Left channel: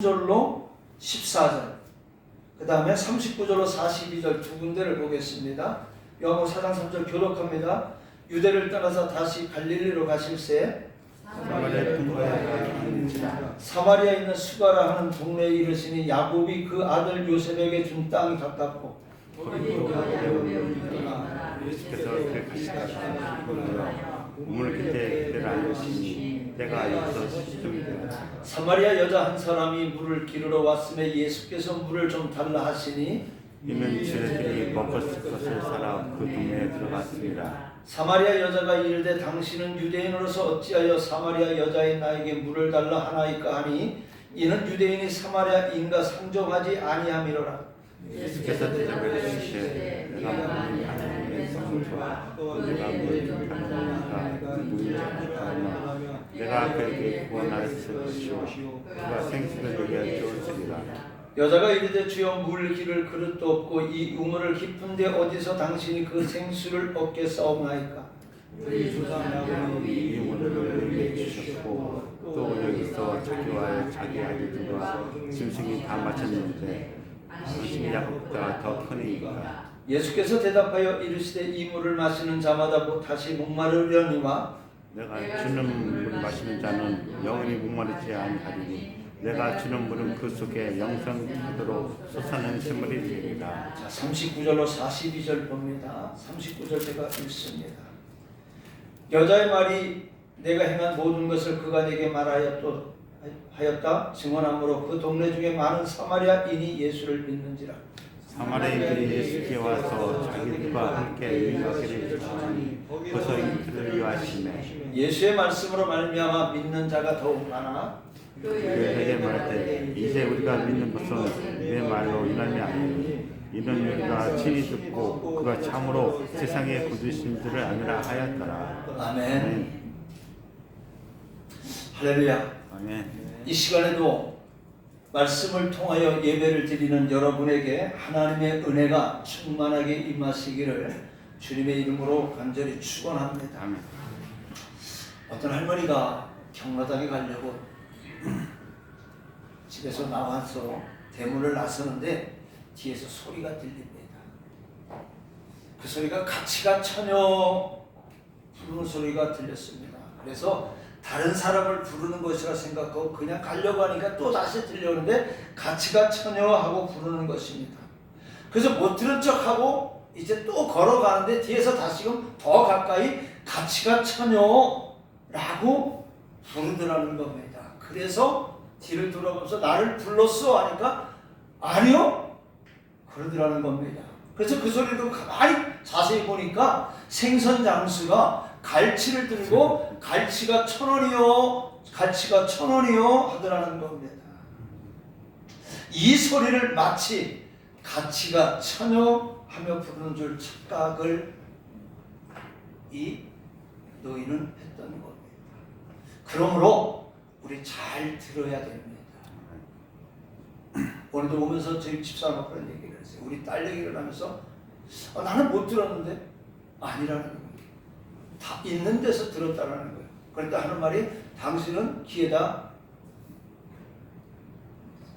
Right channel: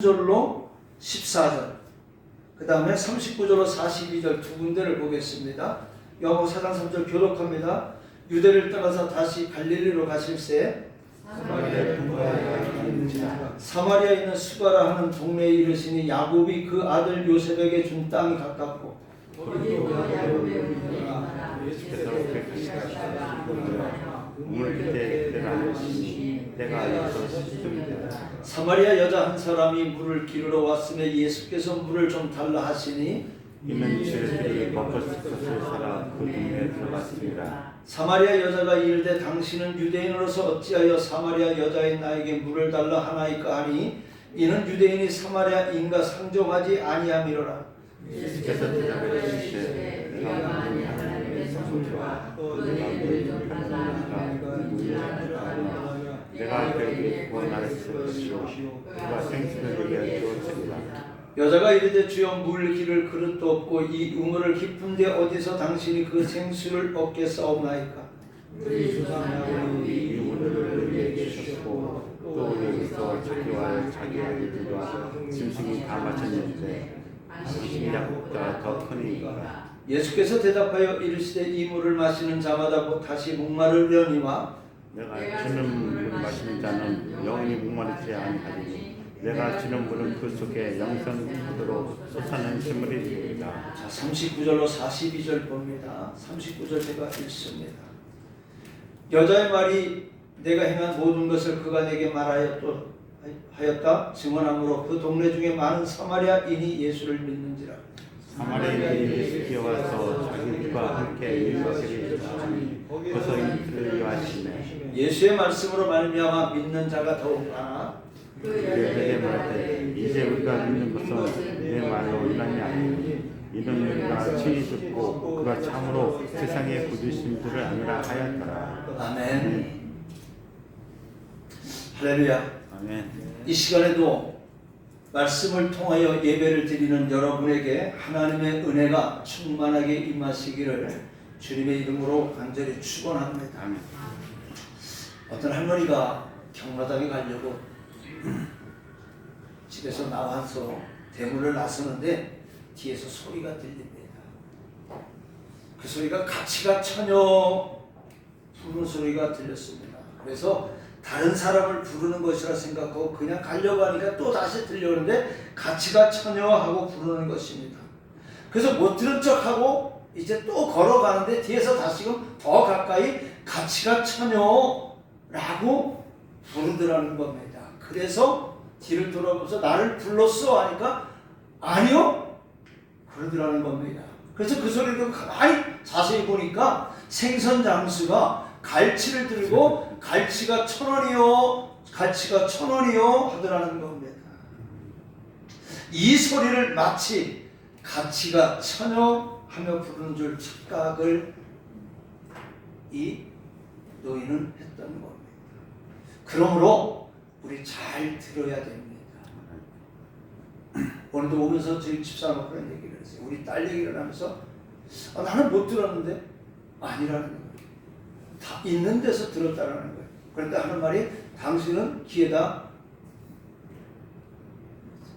절로 14절, 그 다음에 39절로 42절 두 군데를 보겠습니다. 요한복음 4장 3절 교독합니다. 유대를 떠나서 다시 갈릴리로 가실새 사마리아에 있는 수가라 하는 동네에 이르시니 야곱이 그 아들 요셉에게 준 땅이 가깝고 사마리아 여자 한 사람이 물을 기르러 왔음에 예수께서 물을 좀 달라 하시니 이는 죄인들이 먹을 것을 사라 그 동네에 들어갔습니다. 사마리아 여자가 이르되 당신은 유대인으로서 어찌하여 사마리아 여자인 나에게 물을 달라 하나이까 하니 이는 유대인이 사마리아인과 상종하지 아니함이로라. 예수께서 대답하시되 내가 만일 하나님의 성부와 또 너희를 좀 달라하니까 인질하니까 내가 그에게 구원할 것이요 그가 생수를 내게 주었으리라. 여자가 이르되 주여 물 기를 그릇도 없고 이 우물을 깊은데 어디서 당신이 그 생수를 얻게 싸움나이까. 우리 조상야곱이 이 우물을 우리에게 주셨고 또 여기서 자기와 자기 아들들과 짐승이 다 마셨는데 당신이 야곱보다 더 크니까. 예수께서 대답하여 이르시되 이 물을 마시는 자마다 곧 다시 목마르려니와 내가 주는 물을 마시는 자는 영원히 목마르지 아니하리니 내가 주는 물은 그 속에 영생토록 솟아나는 샘물이 되리라. 자, 39절로 42절 봅니다. 39절 제가 읽습니다. 여자의 말이 내가 행한 모든 것을 그가 내게 말하였다 증언하므로 그 동네 중에 많은 사마리아인이 예수를 믿는지라. 사마리아인이 예수께 와서 자기들과 함께 일하기를 주시니 거기서 이들을 위하시네. 예수의 말씀으로 말미암아 믿는 자가 더욱 많아 그에게 말하되 이제 우리가 믿는 것은 내 말로 인함이 아니니 이는 우리가 친히 듣고 그가 참으로 세상에 부르신 줄을 아니라 하였더라. 아멘. 할렐루야. 아멘. 이 시간에도 말씀을 통하여 예배를 드리는 여러분에게 하나님의 은혜가 충만하게 임하시기를 주님의 이름으로 간절히 축원합니다. 아멘. 어떤 할머니가 경로당에 가려고 집에서 나와서 대문을 나서는데 뒤에서 소리가 들립니다. 그 소리가 같이가 처녀 부르는 소리가 들렸습니다. 그래서 다른 사람을 부르는 것이라 생각하고 그냥 가려고 하니까 또 다시 들려오는데 같이가 처녀하고 부르는 것입니다. 그래서 못 들은 척하고 이제 또 걸어가는데 뒤에서 다시금 더 가까이 같이가 처녀라고 부르더라는 겁니다. 그래서 뒤를 돌아보면서 나를 불렀어 하니까 아니요 그러더라는 겁니다. 그래서 그 소리도 가만히 자세히 보니까 생선 장수가 갈치를 들고 갈치가 1,000원이요 갈치가 1,000원이요 하더라는 겁니다. 이 소리를 마치 갈치가 처녀 하며 부르는 줄 착각을 이 노인은 했던 겁니다. 그러므로 우리 잘 들어야 됩니다. 오늘도 오면서 저희 집사람하고 그런 얘기를 했어요. 우리 딸 얘기를 하면서 나는 못 들었는데 아니라는 거예요. 다 있는 데서 들었다라는 거예요. 그런데 하는 말이 당신은 귀에다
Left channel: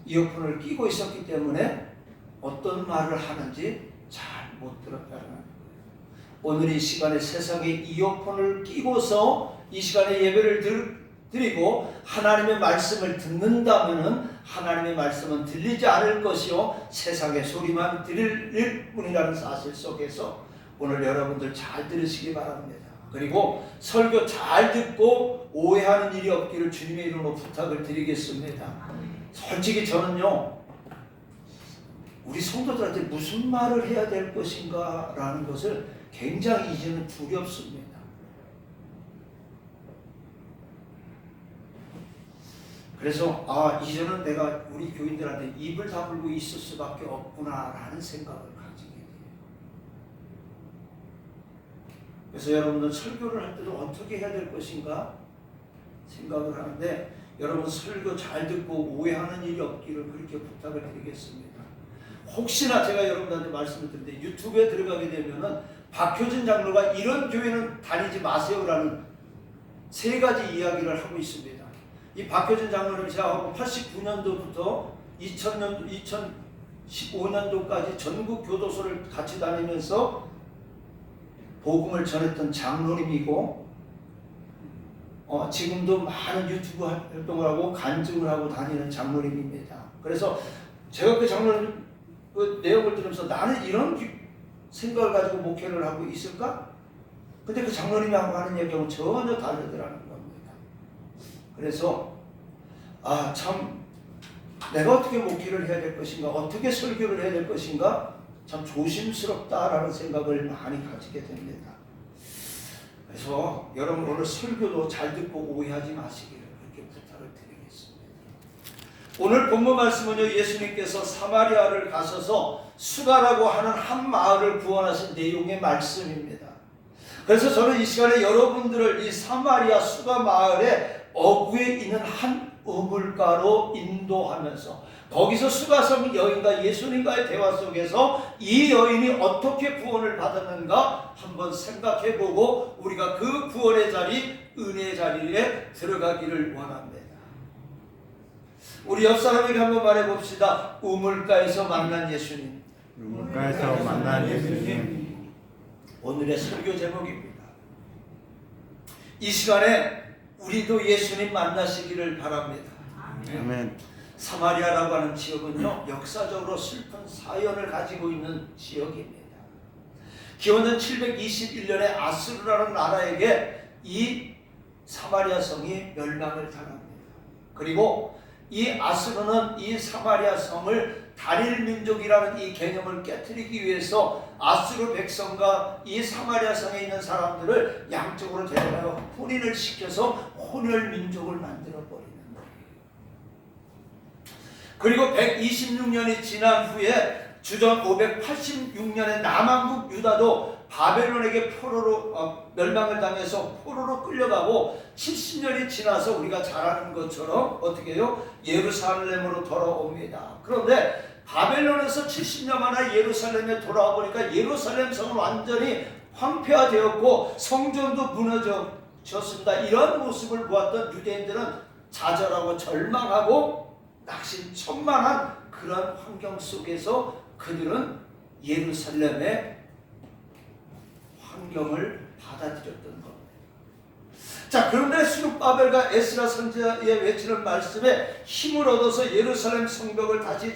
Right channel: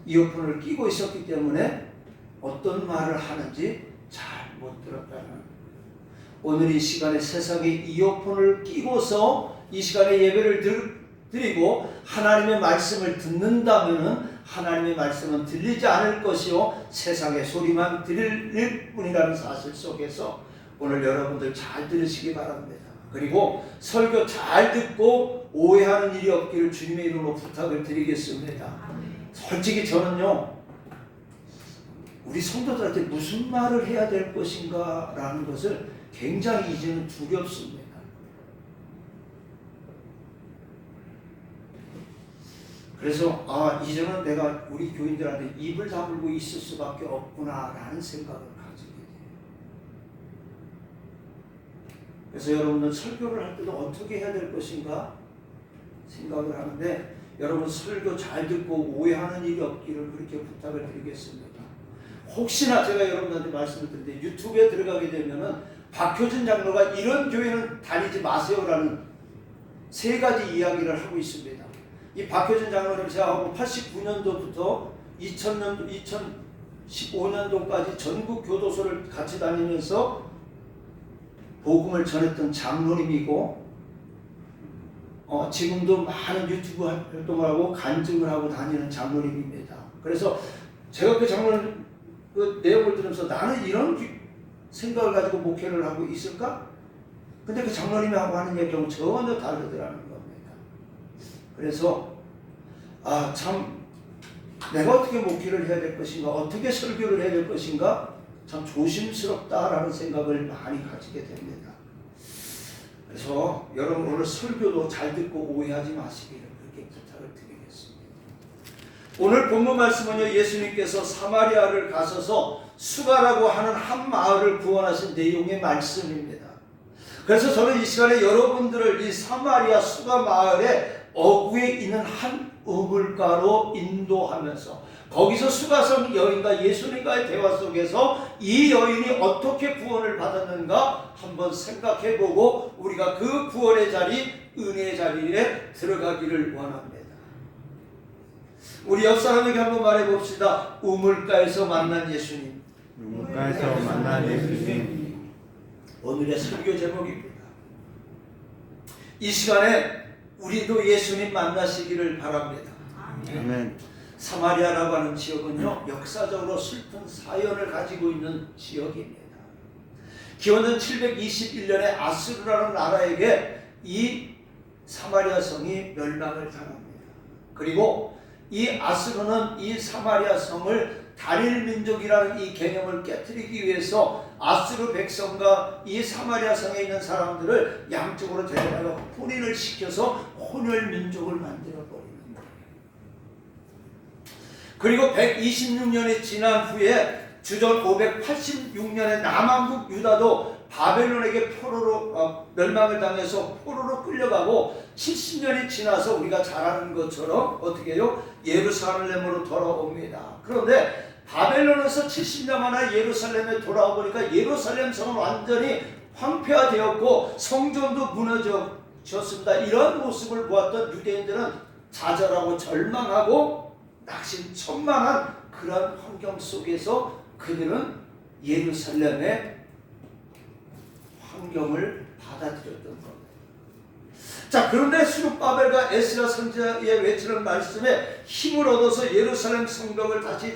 이어폰을 끼고 있었기 때문에 어떤 말을 하는지 잘 못 들었다는 거예요. 오늘 이 시간에 세상에 이어폰을 끼고서 이 시간에 예배를 드리고 하나님의 말씀을 듣는다면은 하나님의 말씀은 들리지 않을 것이요 세상의 소리만 들릴 뿐이라는 사실 속에서 오늘 여러분들 잘 들으시기 바랍니다. 그리고 설교 잘 듣고 오해하는 일이 없기를 주님의 이름으로 부탁을 드리겠습니다. 솔직히 저는요 우리 성도들한테 무슨 말을 해야 될 것인가 라는 것을 굉장히 이제는 두렵습니다. 그래서 이제는 내가 우리 교인들한테 입을 다물고 있을 수밖에 없구나라는 생각을 가지게 돼요. 그래서 여러분들 설교를 할 때도 어떻게 해야 될 것인가 생각을 하는데 여러분 설교 잘 듣고 오해하는 일이 없기를 그렇게 부탁을 드리겠습니다. 혹시나 제가 여러분한테 말씀을 드리는데 유튜브에 들어가게 되면은 박효진 장로가 이런 교회는 다니지 마세요라는 3가지 이야기를 하고 있습니다. 이 박효진 장로님 제가 89년도부터 2015년도까지 전국 교도소를 같이 다니면서 복음을 전했던 장로님이고 지금도 많은 유튜브 활동을 하고 간증을 하고 다니는 장로님입니다. 그래서 제가 그 장로님 그 내용을 들으면서 나는 이런 생각을 가지고 목회를 하고 있을까? 근데 그 장로님하고 하는 얘기하고 전혀 다르더라는 겁니다. 그래서 참 내가 어떻게 목회를 해야 될 것인가, 어떻게 설교를 해야 될 것인가 참 조심스럽다라는 생각을 많이 가지게 됩니다. 그래서 여러분 오늘 설교도 잘 듣고 오해하지 마시기를 그렇게 부탁을 드리겠습니다. 오늘 본문 말씀은요, 예수님께서 사마리아를 가셔서 수가라고 하는 한 마을을 구원하신 내용의 말씀입니다. 그래서 저는 이 시간에 여러분들을 이 사마리아 수가 마을의 어구에 있는 한 우물가로 인도하면서 거기서 수가성 여인과 예수님과의 대화 속에서 이 여인이 어떻게 구원을 받았는가 한번 생각해보고 우리가 그 구원의 자리, 은혜의 자리에 들어가기를 원합니다. 우리 옆 사람에게 한번 말해봅시다. 우물가에서 만난 예수님. 우물가에서 만난 예수님. 오늘의 설교 제목입니다. 이 시간에 우리도 예수님 만나시기를 바랍니다. 아멘. 사마리아라고 하는 지역은요, 역사적으로 슬픈 사연을 가지고 있는 지역입니다. 기원전 721년에 아수르라는 나라에게 이 사마리아 성이 멸망을 당합니다. 그리고 이 아수르는 이 사마리아 성을 단일 민족이라는 이 개념을 깨뜨리기 위해서 아수르 백성과 이 사마리아 성에 있는 사람들을 양쪽으로 데려가서 혼인을 시켜서 혼혈 민족을 만들어 버리는 거예요. 그리고 126년이 지난 후에 주전 586년에 남한국 유다도 바벨론에게 포로로 멸망을 당해서 포로로 끌려가고 70년이 지나서 우리가 잘 아는 것처럼 어떻게 해요? 예루살렘으로 돌아옵니다. 그런데 바벨론에서 70년 만에 예루살렘에 돌아와 보니까 예루살렘 성은 완전히 황폐화되었고 성전도 무너졌습니다. 이런 모습을 보았던 유대인들은 좌절하고 절망하고 낙심천만한 그런 환경 속에서 그들은 예루살렘의 환경을 받아들였던 겁니다. 자, 그런데 스룹바벨과 에스라 선지자의 외치는 말씀에 힘을 얻어서 예루살렘 성벽을 다시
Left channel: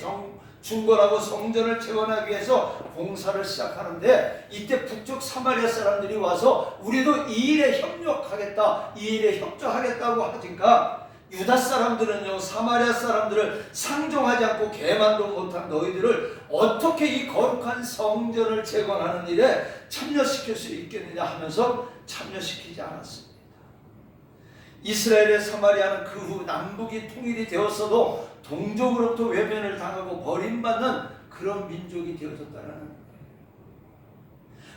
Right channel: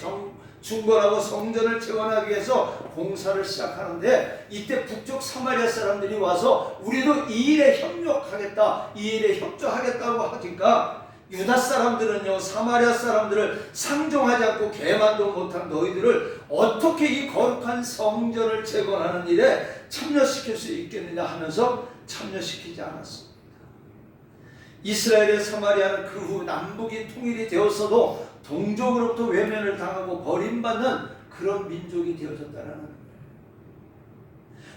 중건하고 성전을 재건하기 위해서 공사를 시작하는데 이때 북쪽 사마리아 사람들이 와서 우리도 이 일에 협력하겠다, 이 일에 협조하겠다고 하니까 유다 사람들은요, 사마리아 사람들을 상종하지 않고 개만도 못한 너희들을 어떻게 이 거룩한 성전을 재건하는 일에 참여시킬 수 있겠느냐 하면서 참여시키지 않았습니다. 이스라엘의 사마리아는 그 후 남북이 통일이 되었어도 동족으로부터 외면을 당하고 버림받는 그런 민족이 되어졌다는 거예요.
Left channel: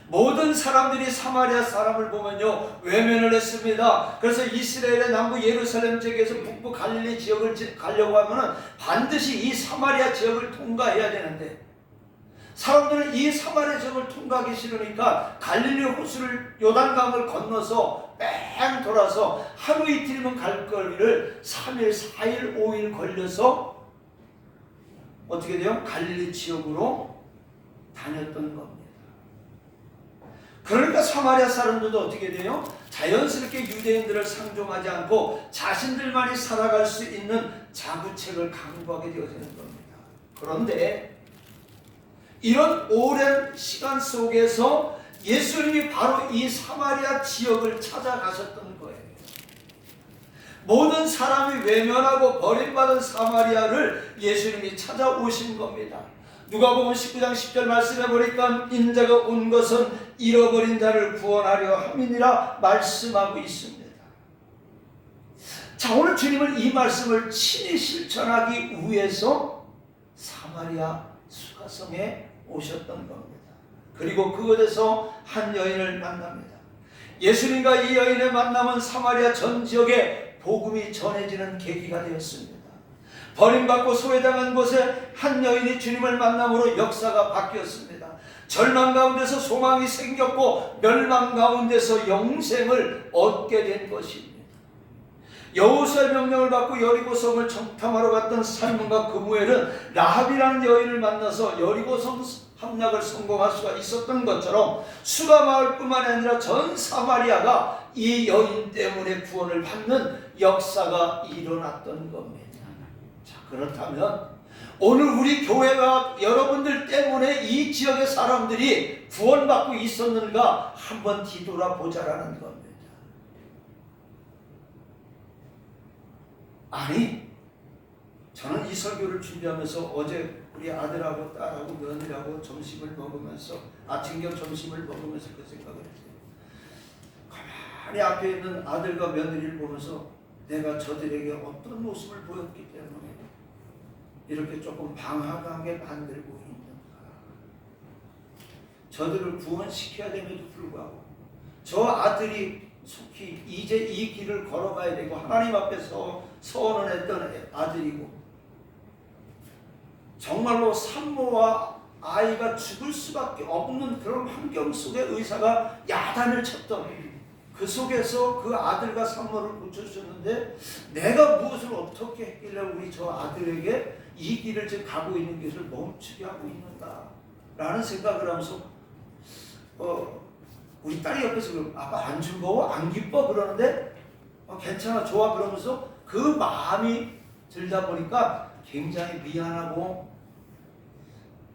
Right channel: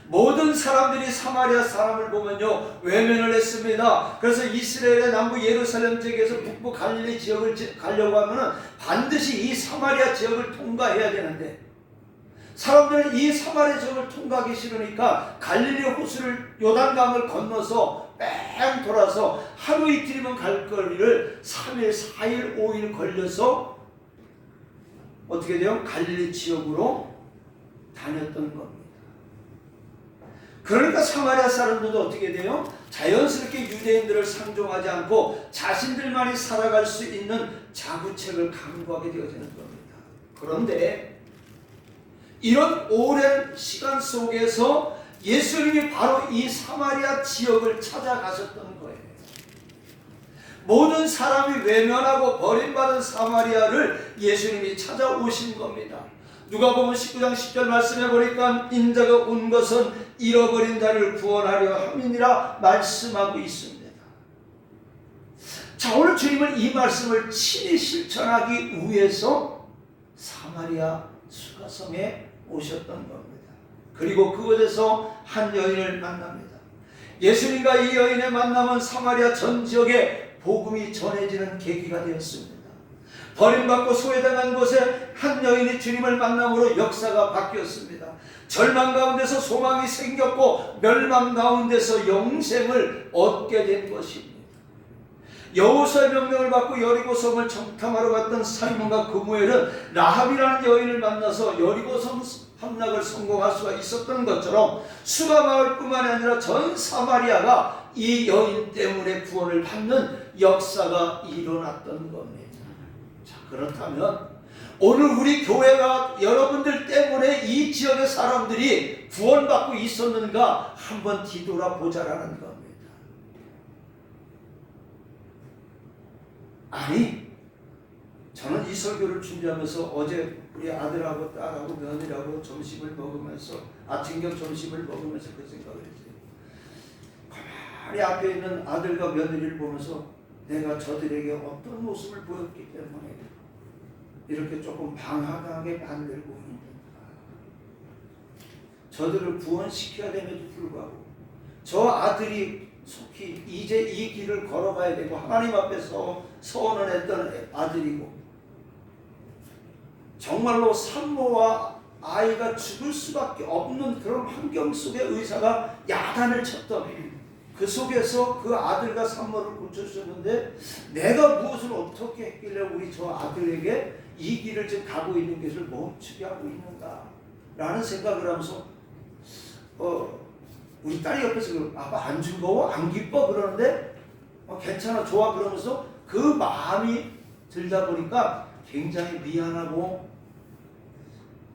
모든 사람들이 사마리아 사람을 보면요, 외면을 했습니다. 그래서 이스라엘의 남부 예루살렘 지역에서 북부 갈릴리 지역을 가려고 하면 반드시 이 사마리아 지역을 통과해야 되는데 사람들은 이 사마리아 지역을 통과하기 싫으니까 갈릴리 호수를 요단강을 건너서 뺑 돌아서 하루 이틀이면 갈 거리를 3일, 4일, 5일 걸려서 어떻게 돼요? 갈릴리 지역으로 다녔던 겁니다. 그러니까 사마리아 사람들도 어떻게 돼요? 자연스럽게 유대인들을 상종하지 않고 자신들만이 살아갈 수 있는 자구책을 강구하게 되어지는 겁니다. 그런데 이런 오랜 시간 속에서 예수님이 바로 이 사마리아 지역을 찾아가셨던 거예요. 모든 사람이 외면하고 버림받은 사마리아를 예수님이 찾아오신 겁니다. 누가복음 19장 10절 말씀해 보니까 인자가 온 것은 잃어버린 자를 구원하려 함이니라 말씀하고 있습니다. 자, 오늘 주님은 이 말씀을 친히 실천하기 위해서 사마리아 수가성에 오셨던 겁니다. 그리고 그곳에서 한 여인을 만납니다. 예수님과 이 여인의 만남은 사마리아 전 지역에 복음이 전해지는 계기가 되었습니다. 버림받고 소외당한 곳에 한 여인이 주님을 만남으로 역사가 바뀌었습니다. 절망 가운데서 소망이 생겼고 멸망 가운데서 영생을 얻게 된 것입니다. 여호수아의 명령을 받고 여리고성을 정탐하러 갔던 살몬과 그무엘은 라합이라는 여인을 만나서 여리고성 함락을 성공할 수가 있었던 것처럼 수가 마을뿐만 아니라 전 사마리아가 이 여인 때문에 구원을 받는 역사가 일어났던 겁니다. 자, 그렇다면 오늘 우리 교회가 여러분들 때문에 이 지역의 사람들이 구원받고 있었는가 한번 뒤돌아보자라는 겁니다. 아니, 저는 이 설교를 준비하면서 어제 우리 아들하고 딸하고 며느리하고 점심을 먹으면서 아침 겸 점심을 먹으면서 그 생각을 했어요. 가만히 앞에 있는 아들과 며느리를 보면서 내가 저들에게 어떤 모습을 보였기 때문에 이렇게 조금 방황하게 만들고 있는가. 저들을 구원시켜야 됨에도 불구하고 저 아들이 속히 이제 이 길을 걸어가야 되고 하나님 앞에서 서원을 했던 아들이고 정말로 산모와 아이가 죽을 수밖에 없는 그런 환경 속에 의사가 야단을 쳤던 그 속에서 그 아들과 산모를 고쳐주셨는데 내가 무엇을 어떻게 했길래 우리 저 아들에게 이 길을 지금 가고 있는 것을 멈추게 하고 있는가 라는 생각을 하면서 우리 딸이 옆에서 아빠 안 즐거워? 안 기뻐? 그러는데 괜찮아 좋아 그러면서 그 마음이 들다 보니까 굉장히 미안하고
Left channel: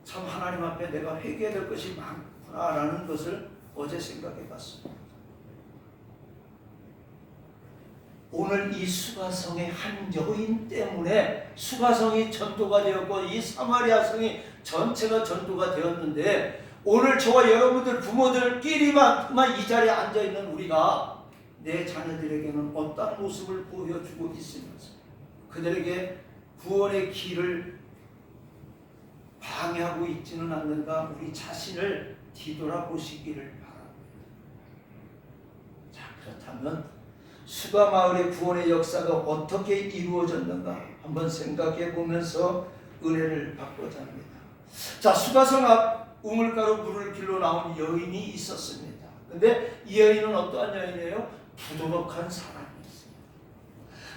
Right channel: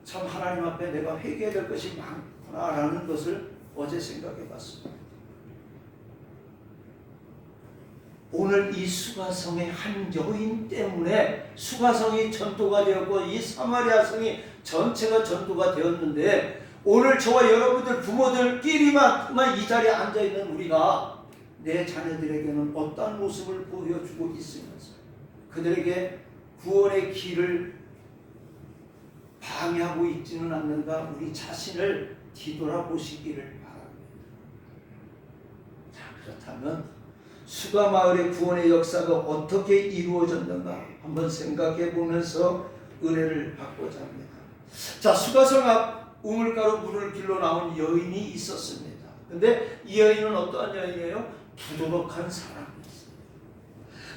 참 하나님 앞에 내가 회개해야 될 것이 많구나 라는 것을 어제 생각해 봤습니다. 오늘 이 수가성의 한 여인 때문에 수가성이 전도가 되었고 이 사마리아 성이 전체가 전도가 되었는데 오늘 저와 여러분들 부모들끼리만 이 자리에 앉아있는 우리가 내 자녀들에게는 어떤 모습을 보여주고 있으면서 그들에게 구원의 길을 방해하고 있지는 않는가 우리 자신을 뒤돌아보시기를 바랍니다. 자, 그렇다면 수가 마을의 구원의 역사가 어떻게 이루어졌는가 한번 생각해 보면서 은혜를 받고자 합니다. 자, 수가성 앞 우물가로 물을 길러 나온 여인이 있었습니다. 근데 이 여인은 어떠한 여인이에요? 부도덕한 사람이었습니다.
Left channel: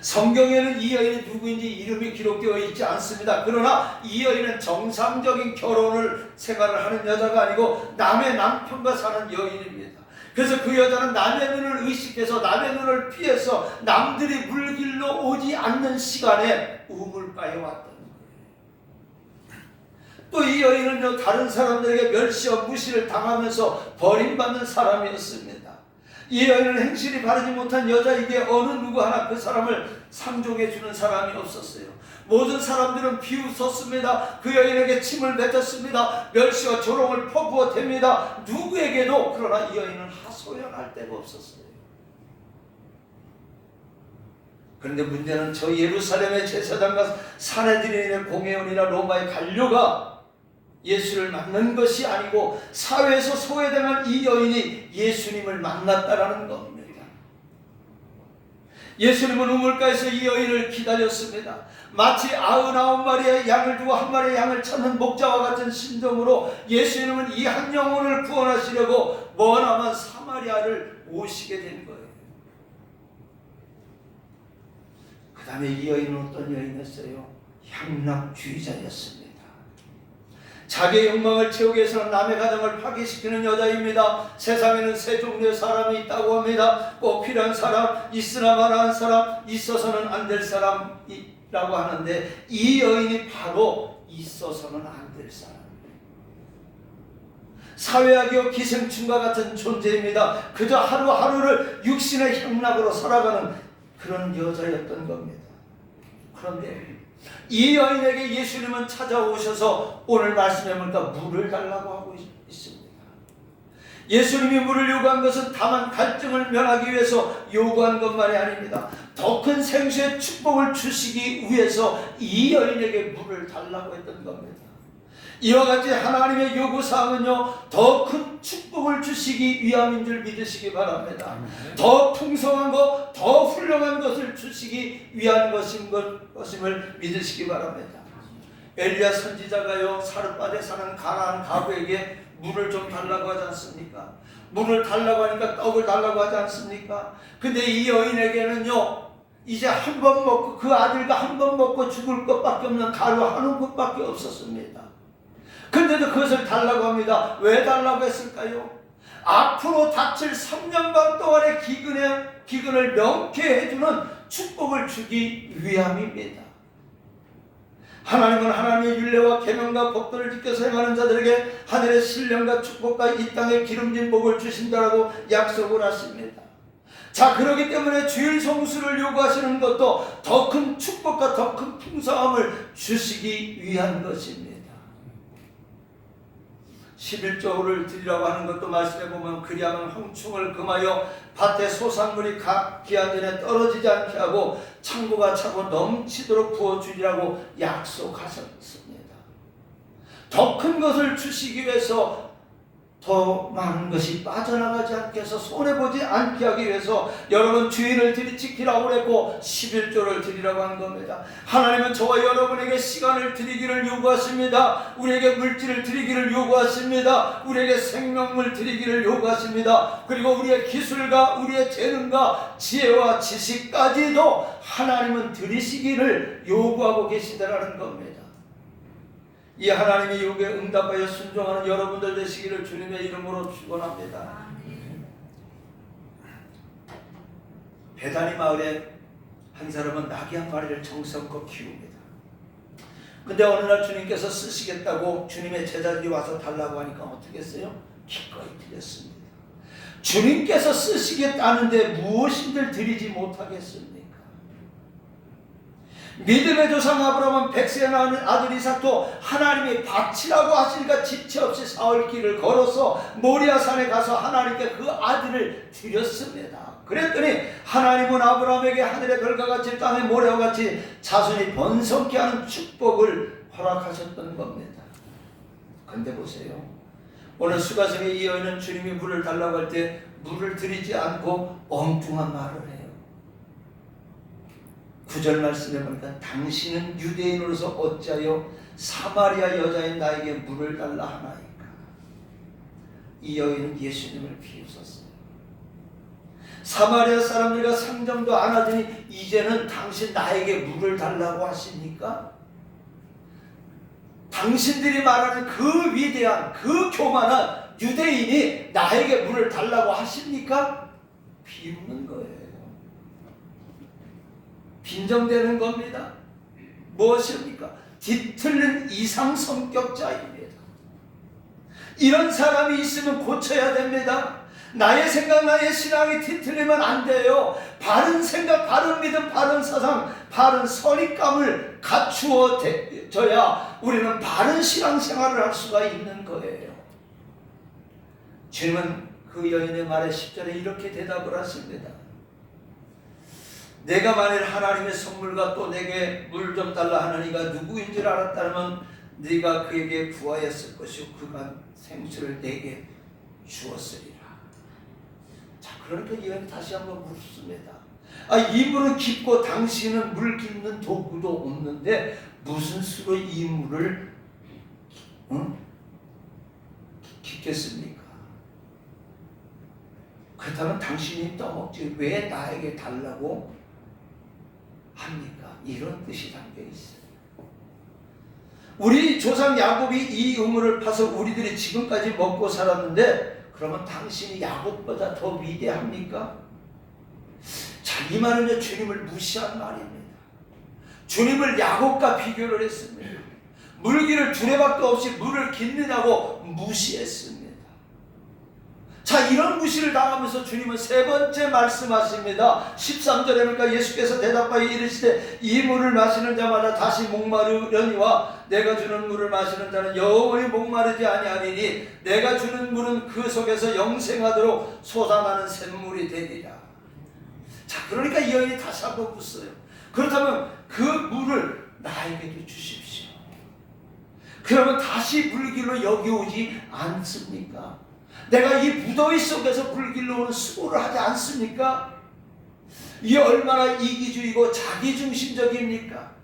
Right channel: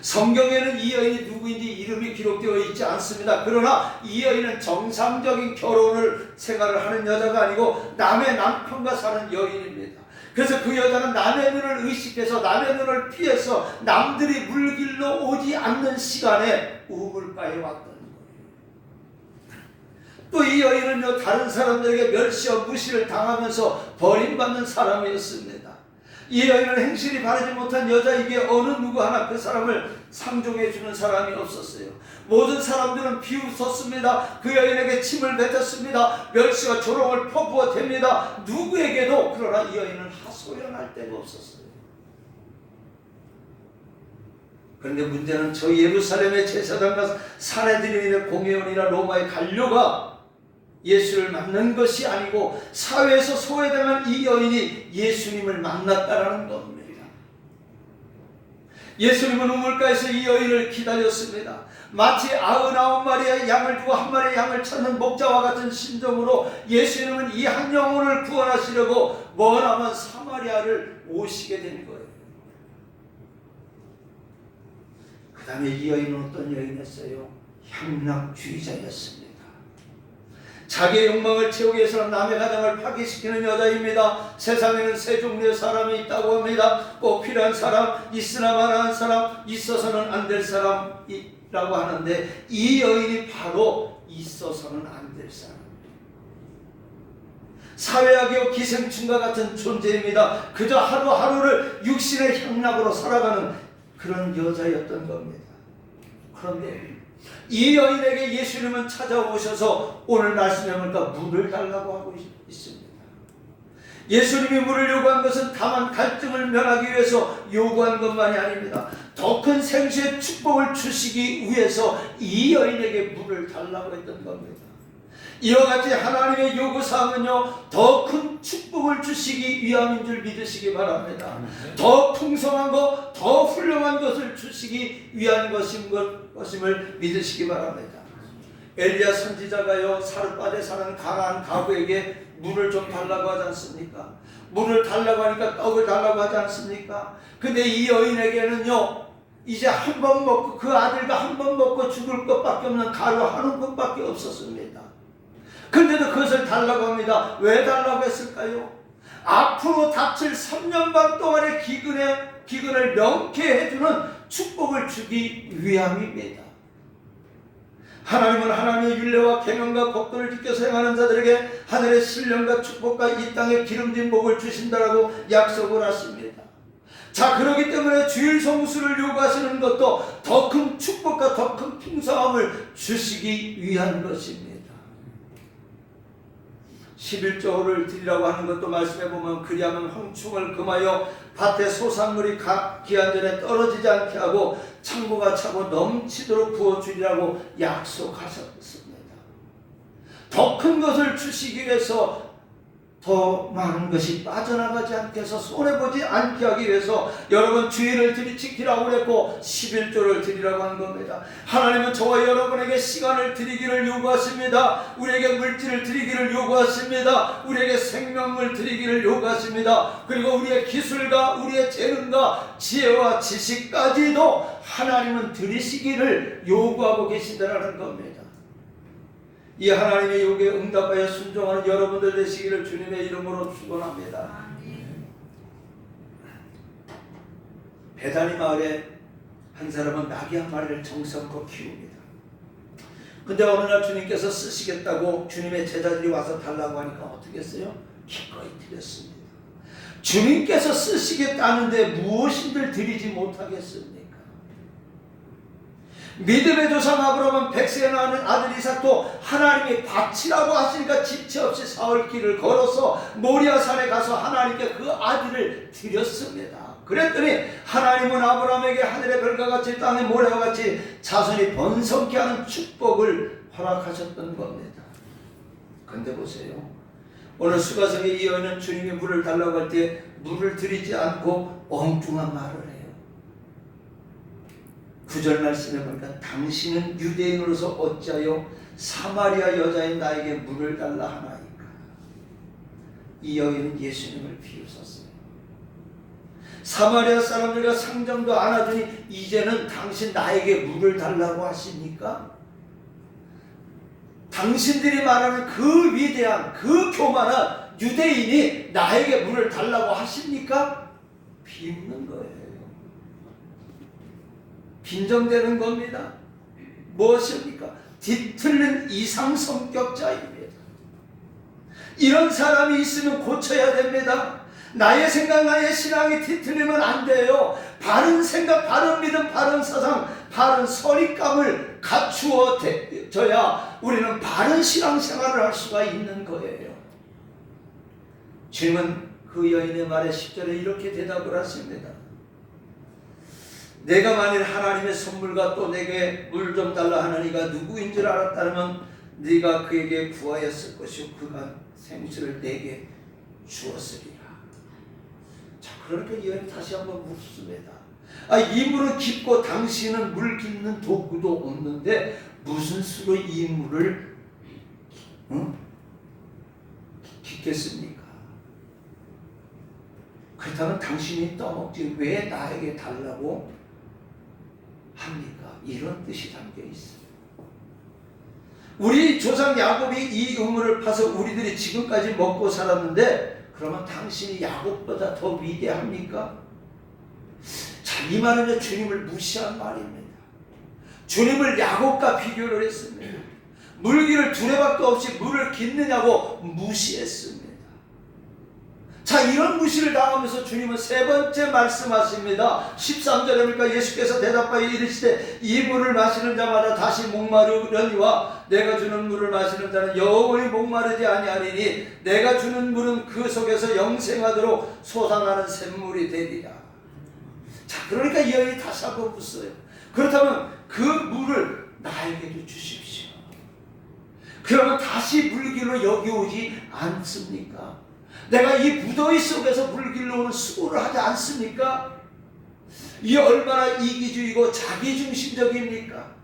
성경에는 이 여인이 누구인지 이름이 기록되어 있지 않습니다. 그러나 이 여인은 정상적인 결혼을 생활을 하는 여자가 아니고 남의 남편과 사는 여인입니다. 그래서 그 여자는 남의 눈을 의식해서 남의 눈을 피해서 남들이 물길로 오지 않는 시간에 우물가에 왔던 거예요. 또 이 여인은요 다른 사람들에게 멸시와 무시를 당하면서 버림받는 사람이었습니다. 이 여인은 행실이 바르지 못한 여자이기에 어느 누구 하나 그 사람을 상종해 주는 사람이 없었어요. 모든 사람들은 비웃었습니다. 그 여인에게 침을 뱉었습니다. 멸시와 조롱을 퍼부어댑니다. 누구에게도. 그러나 이 여인은 하소연할 데가 없었어요. 그런데 문제는 저 예루살렘의 제사장과 사내들인의 공회원이나 로마의 관료가 예수를 만난 것이 아니고 사회에서 소외당한 이 여인이 예수님을 만났다라는 겁니다. 예수님은 우물가에서 이 여인을 기다렸습니다. 마치 99마리의 양을 두고 한 마리의 양을 찾는 목자와 같은 심정으로 예수님은 이 한 영혼을 구원하시려고 머나먼 사마리아를 오시게 된 거예요. 그 다음에 이 여인은 어떤 여인이었어요? 향락주의자였습니다. 자기의 욕망을 채우기 위해서는 남의 가정을 파괴시키는 여자입니다. 세상에는 세 종류의 사람이 있다고 합니다. 꼭 필요한 사람, 있으나 마나한 사람, 있어서는 안 될 사람이라고 하는데 이 여인이 바로 있어서는 안 될 사람. 사회학의 기생충과 같은 존재입니다. 그저 하루하루를 육신의 향락으로 살아가는 그런 여자였던 겁니다. 그런데 이 여인에게 예수님은 찾아오셔서 오늘 말씀에 보니까 물을 달라고 하고 있습니다. 예수님이 물을 요구한 것은 다만 갈증을 면하기 위해서 요구한 것만이 아닙니다. 더 큰 생수의 축복을 주시기 위해서 이 여인에게 물을 달라고 했던 겁니다. 이와 같이 하나님의 요구사항은요 더 큰 축복을 주시기 위함인 줄 믿으시기 바랍니다. 더 풍성한 것, 더 훌륭한 것을 주시기 위한 것임을 믿으시기 바랍니다. 엘리야 선지자가요 사르밧에 사는 가나안 가부에게 물을 좀 달라고 하지 않습니까? 물을 달라고 하니까 떡을 달라고 하지 않습니까? 근데 이 여인에게는요 이제 한 번 먹고 그 아들과 한 번 먹고 죽을 것밖에 없는 가루 한 움큼밖에 없었습니다. 근데도 그것을 달라고 합니다. 왜 달라고 했을까요? 앞으로 닥칠 3년 반 동안의 기근을 명쾌해주는 축복을 주기 위함입니다. 하나님은 하나님의 율례와 계명과 법도를 지켜서 행하는 자들에게 하늘의 신령과 축복과 이 땅의 기름진 복을 주신다라고 약속을 하십니다. 자, 그렇기 때문에 주일 성수를 요구하시는 것도 더 큰 축복과 더 큰 풍성함을 주시기 위한 것입니다. 11조를 드리라고 하는 것도 말씀해 보면 그리하면 황충을 금하여 밭에 소산물이 기한 전에 떨어지지 않게 하고 창고가 차고 넘치도록 부어주리라고 약속하셨습니다. 더 큰 것을 주시기 위해서 더 많은 것이 빠져나가지 않게 해서 손해보지 않게 하기 위해서 여러분 주일을 지키라고 그랬고 11조를 드리라고 한 겁니다. 하나님은 저와 여러분에게 시간을 드리기를 요구하십니다. 우리에게 물질을 드리기를 요구하십니다. 우리에게 생명을 드리기를 요구하십니다. 그리고 우리의 기술과 우리의 재능과 지혜와 지식까지도 하나님은 드리시기를 요구하고 계시다라는 겁니다. 이 하나님의 요구에 응답하여 순종하는 여러분들 되시기를 주님의 이름으로 축원합니다. 베다니 마을에 한 사람은 나귀 한 마리를 정성껏 키웁니다. 근데 어느 날 주님께서 쓰시겠다고 주님의 제자들이 와서 달라고 하니까 어떻게 했어요? 기꺼이 드렸습니다. 주님께서 쓰시겠다는데 무엇인들 드리지 못하겠습니까? 믿음의 조상 아브라함은 백세에 낳은 아들 이삭도 하나님이 바치라고 하시니까 지체 없이 사흘 길을 걸어서 모리아 산에 가서 하나님께 그 아들을 드렸습니다. 그랬더니 하나님은 아브라함에게 하늘의 별과 같이 땅의 모래와 같이 자손이 번성케 하는 축복을 허락하셨던 겁니다. 근데 보세요, 오늘 수가성의 이 여인은 주님이 물을 달라고 할 때 물을 드리지 않고 엉뚱한 말을 해요. 9절 말씀에 보니까 당신은 유대인으로서 어찌하여 사마리아 여자인 나에게 물을 달라 하나이까. 이 여인은 예수님을 비웃었어요. 사마리아 사람들과 상정도 안 하더니 이제는 당신 나에게 물을 달라고 하십니까? 당신들이 말하는 그 위대한 그 교만한 유대인이 나에게 물을 달라고 하십니까? 비웃는 거예요. 빈정되는 겁니다. 무엇입니까? 뒤틀린 이상성격자입니다. 이런 사람이 있으면 고쳐야 됩니다. 나의 생각, 나의 신앙이 뒤틀리면 안 돼요. 바른 생각, 바른 믿음, 바른 사상, 바른 선입감을 갖추어져야 우리는 바른 신앙생활을 할 수가 있는 거예요. 주님은 그 여인의 말에 10절에 이렇게 대답을 하십니다. 내가 만일 하나님의 선물과 또 내게 물 좀 달라 하는 이가 누구인 줄 알았다면 네가 그에게 구하였을 것이요 그가 생수를 내게 주었으리라. 자, 그러니까 이 여인이 다시 한번 묻습니다. 이 물은 깊고 당신은 물 깊는 도구도 없는데 무슨 수로 이 물을 깊겠습니까? 그렇다면 당신이 떠먹지 왜 나에게 달라고 합니까? 이런 뜻이 담겨 있어요. 우리 조상 야곱이 이 우물을 파서 우리들이 지금까지 먹고 살았는데 그러면 당신이 야곱보다 더 위대합니까? 자, 이 말은 주님을 무시한 말입니다. 주님을 야곱과 비교를 했습니다. 물기를 두레박도 없이 물을 깃느냐고 무시했습니다. 자, 이런 무시를 당하면서 주님은 세 번째 말씀하십니다. 13절에 보니까 예수께서 대답하여 이르시되 이 물을 마시는 자마다 다시 목마르려니와 내가 주는 물을 마시는 자는 영원히 목마르지 아니하리니 내가 주는 물은 그 속에서 영생하도록 솟아나는 샘물이 되리라. 자, 그러니까 이 여인이 다시 한번 묻어요. 그렇다면 그 물을 나에게도 주십시오. 그러면 다시 물길로 여기 오지 않습니까? 내가 이 무더위 속에서 물길로 오는 수고를 하지 않습니까? 이 얼마나 이기주의고 자기중심적입니까?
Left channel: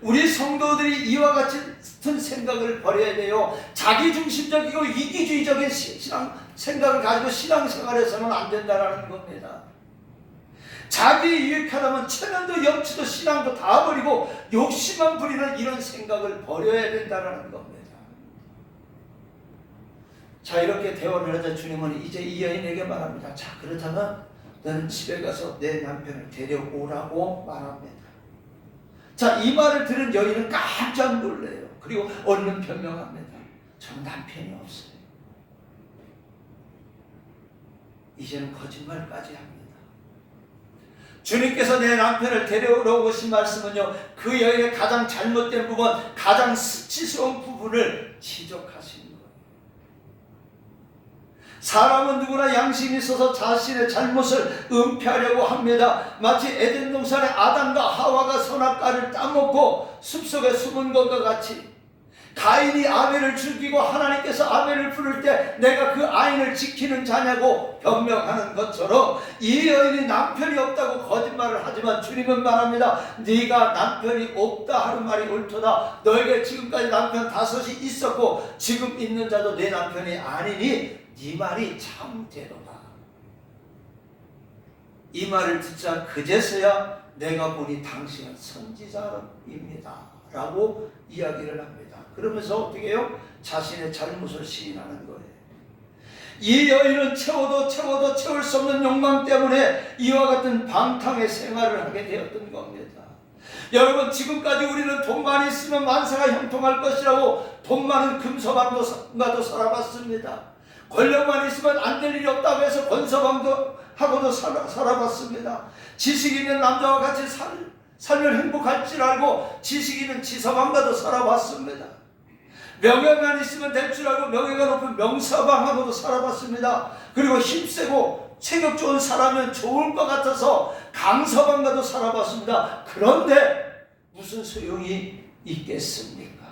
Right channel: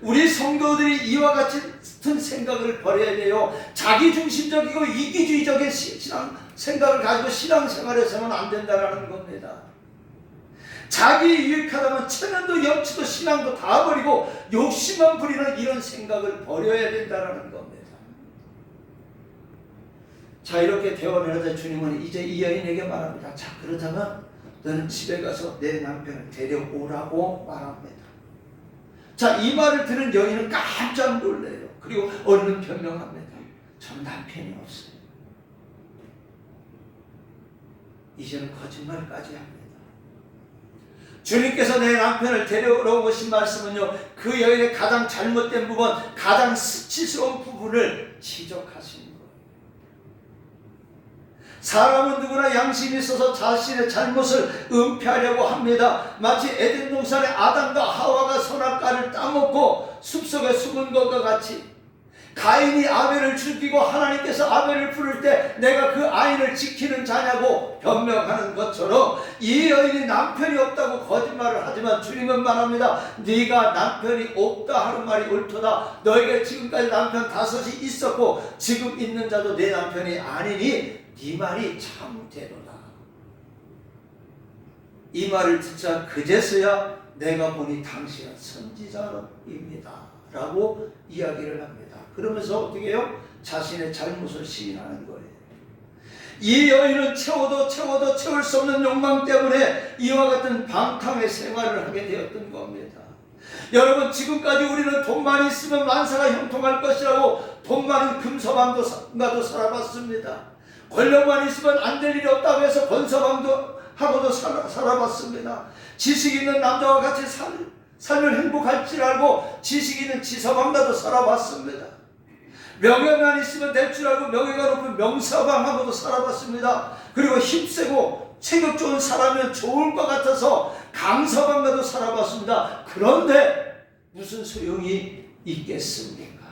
우리 성도들이 이와 같은 생각을 버려야 돼요. 자기중심적이고 이기주의적인 신앙 생각을 가지고 신앙생활에서는 안 된다는 겁니다. 자기 유익하다면 체면도 염치도 신앙도 다 버리고 욕심만 부리는 이런 생각을 버려야 된다는 겁니다. 자, 이렇게 대화를 하자 주님은 이제 이 여인에게 말합니다. 자, 그렇다면 너는 집에 가서 내 남편을 데려오라고 말합니다. 자, 이 말을 들은 여인은 깜짝 놀래요. 그리고 얼른 변명합니다. 저는 남편이 없어요. 이제는 거짓말까지 합니다. 주님께서 내 남편을 데려오라고 하신 말씀은요, 그 여인의 가장 잘못된 부분, 가장 수치스러운 부분을 지적하시는 거예요. 사람은 누구나 양심이 있어서 자신의 잘못을 은폐하려고 합니다. 마치 에덴 동산의 아담과 하와가 선악과를 따먹고 숲속에 숨은 것과 같이 가인이 아벨을 죽이고 하나님께서 아벨을 부를 때 내가 그 아인을 지키는 자냐고 변명하는 것처럼 이 여인이 남편이 없다고 거짓말을 하지만 주님은 말합니다. 네가 남편이 없다 하는 말이 옳도다. 너에게 지금까지 남편 5이 있었고 지금 있는 자도 내 남편이 아니니 네 말이 참되도다. 이 말을 듣자 그제서야 내가 보니 당신은 선지자입니다 라고 이야기를 합니다. 그러면서 어떻게 해요? 자신의 잘못을 시인하는 거예요. 이 여인은 채워도 채울 수 없는 욕망 때문에 이와 같은 방탕의 생활을 하게 되었던 겁니다. 여러분, 지금까지 우리는 돈만 있으면 만사가 형통할 것이라고 돈 많은 금서방도 살아봤습니다. 권력만 있으면 안 될 일이 없다고 해서 권서방도 하고도 살아봤습니다. 지식 있는 남자와 같이 살면 행복할 줄 알고 지식 있는 지서방과도 살아봤습니다. 명예만 있으면 될 줄 알고 명예가 높은 명서방하고도 살아봤습니다. 그리고 힘세고 체격 좋은 사람은 좋을 것 같아서 강서방과도 살아봤습니다. 그런데 무슨 소용이 있겠습니까?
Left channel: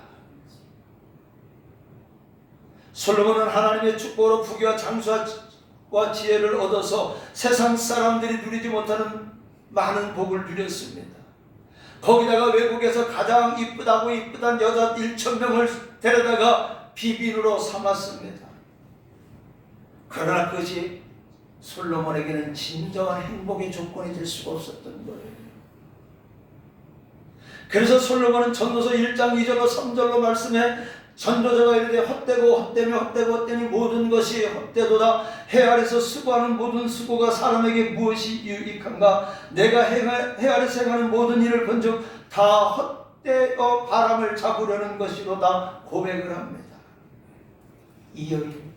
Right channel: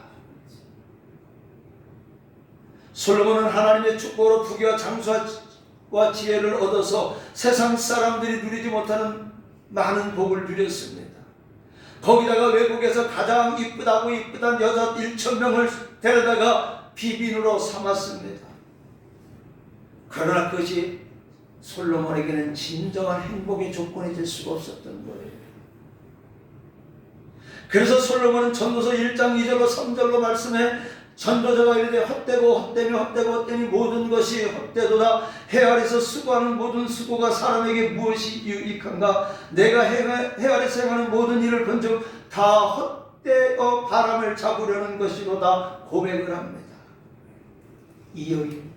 솔로몬은 하나님의 축복으로 부귀와 장수와 지혜를 얻어서 세상 사람들이 누리지 못하는 많은 복을 누렸습니다. 거기다가 외국에서 가장 이쁘단 여자 1,000명을 데려다가 비빈으로 삼았습니다. 그러나 그것이 솔로몬에게는 진정한 행복의 조건이 될 수가 없었던 거예요. 그래서 솔로몬은 전도서 1장 2절로 3절로 말씀해 전도자가 이르되 헛되니 모든 것이 헛되도다. 해 아래서 수고하는 모든 수고가 사람에게 무엇이 유익한가? 내가 해 아래서 행하는 모든 일을 본즉 다 헛되어 바람을 잡으려는 것이로다 고백을 합니다. 이 여인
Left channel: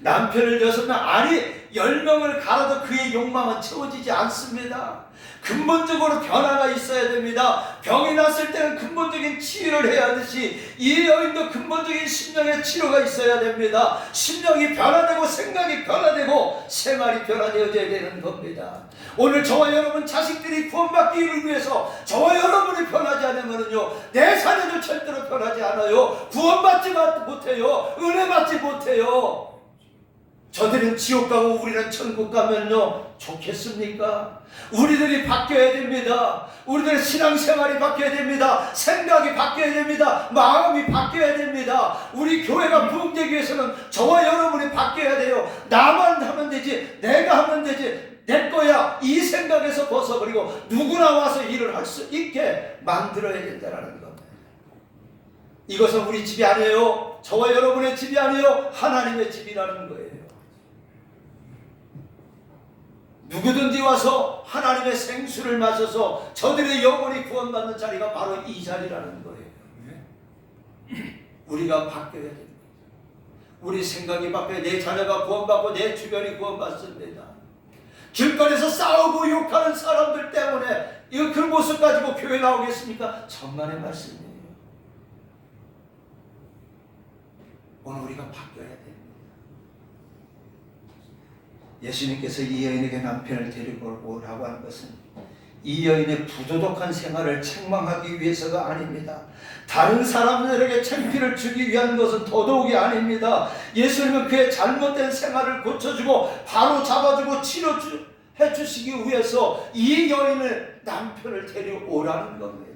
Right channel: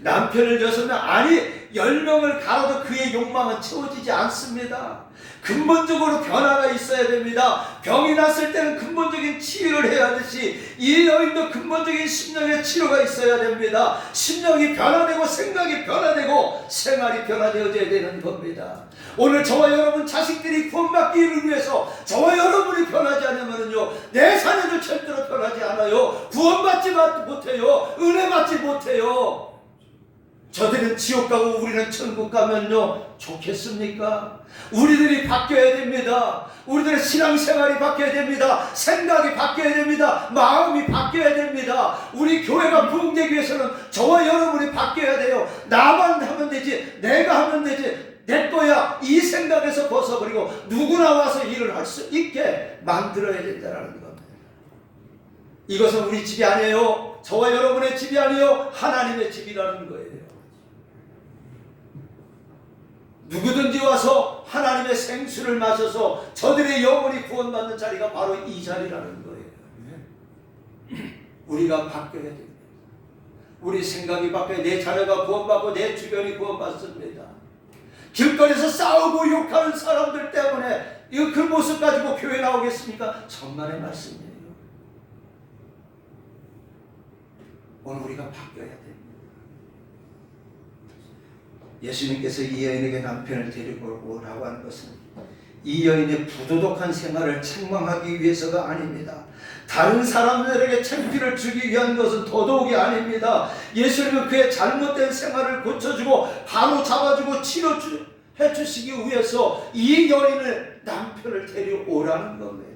남편을 6명 아니 10명을 갈아도 그의 욕망은 채워지지 않습니다. 근본적으로 변화가 있어야 됩니다. 병이 났을 때는 근본적인 치유를 해야 하듯이 이 여인도 근본적인 심령의 치료가 있어야 됩니다. 심령이 변화되고 생각이 변화되고 생활이 변화되어져야 되는 겁니다. 오늘 저와 여러분 자식들이 구원받기를 위해서 저와 여러분이 변하지 않으면요 내 자녀도 절대로 변하지 않아요. 구원받지 못해요. 은혜 받지 못해요. 저들은 지옥 가고 우리는 천국 가면요 좋겠습니까? 우리들이 바뀌어야 됩니다. 우리들의 신앙생활이 바뀌어야 됩니다. 생각이 바뀌어야 됩니다. 마음이 바뀌어야 됩니다. 우리 교회가 부흥되기 위해서는 저와 여러분이 바뀌어야 돼요. 나만 하면 되지, 내가 하면 되지, 내 거야 이 생각에서 벗어버리고 누구나 와서 일을 할 수 있게 만들어야 된다는 겁니다. 이것은 우리 집이 아니에요. 저와 여러분의 집이 아니에요. 하나님의 집이라는 거예요. 누구든지 와서 하나님의 생수를 마셔서 저들의 영혼이 구원받는 자리가 바로 이 자리라는 거예요. 우리가 바뀌어야 됩니다. 우리 생각이 바뀌어야 내 자녀가 구원받고 내 주변이 구원받습니다. 길거리에서 싸우고 욕하는 사람들 때문에 그 모습 가지고 교회 나오겠습니까? 정말의 말씀이에요. 오늘 우리가 바뀌어야 됩니다. 예수님께서 이 여인에게 남편을 데리고 오라고 하는 것은 이 여인의 부도덕한 생활을 책망하기 위해서가 아닙니다. 다른 사람들에게 창피를 주기 위한 것은 더더욱이 아닙니다. 예수님은 그의 잘못된 생활을 고쳐주고 바로 잡아주고 치료해 주시기 위해서 이 여인을 남편을 데려오라는 겁니다.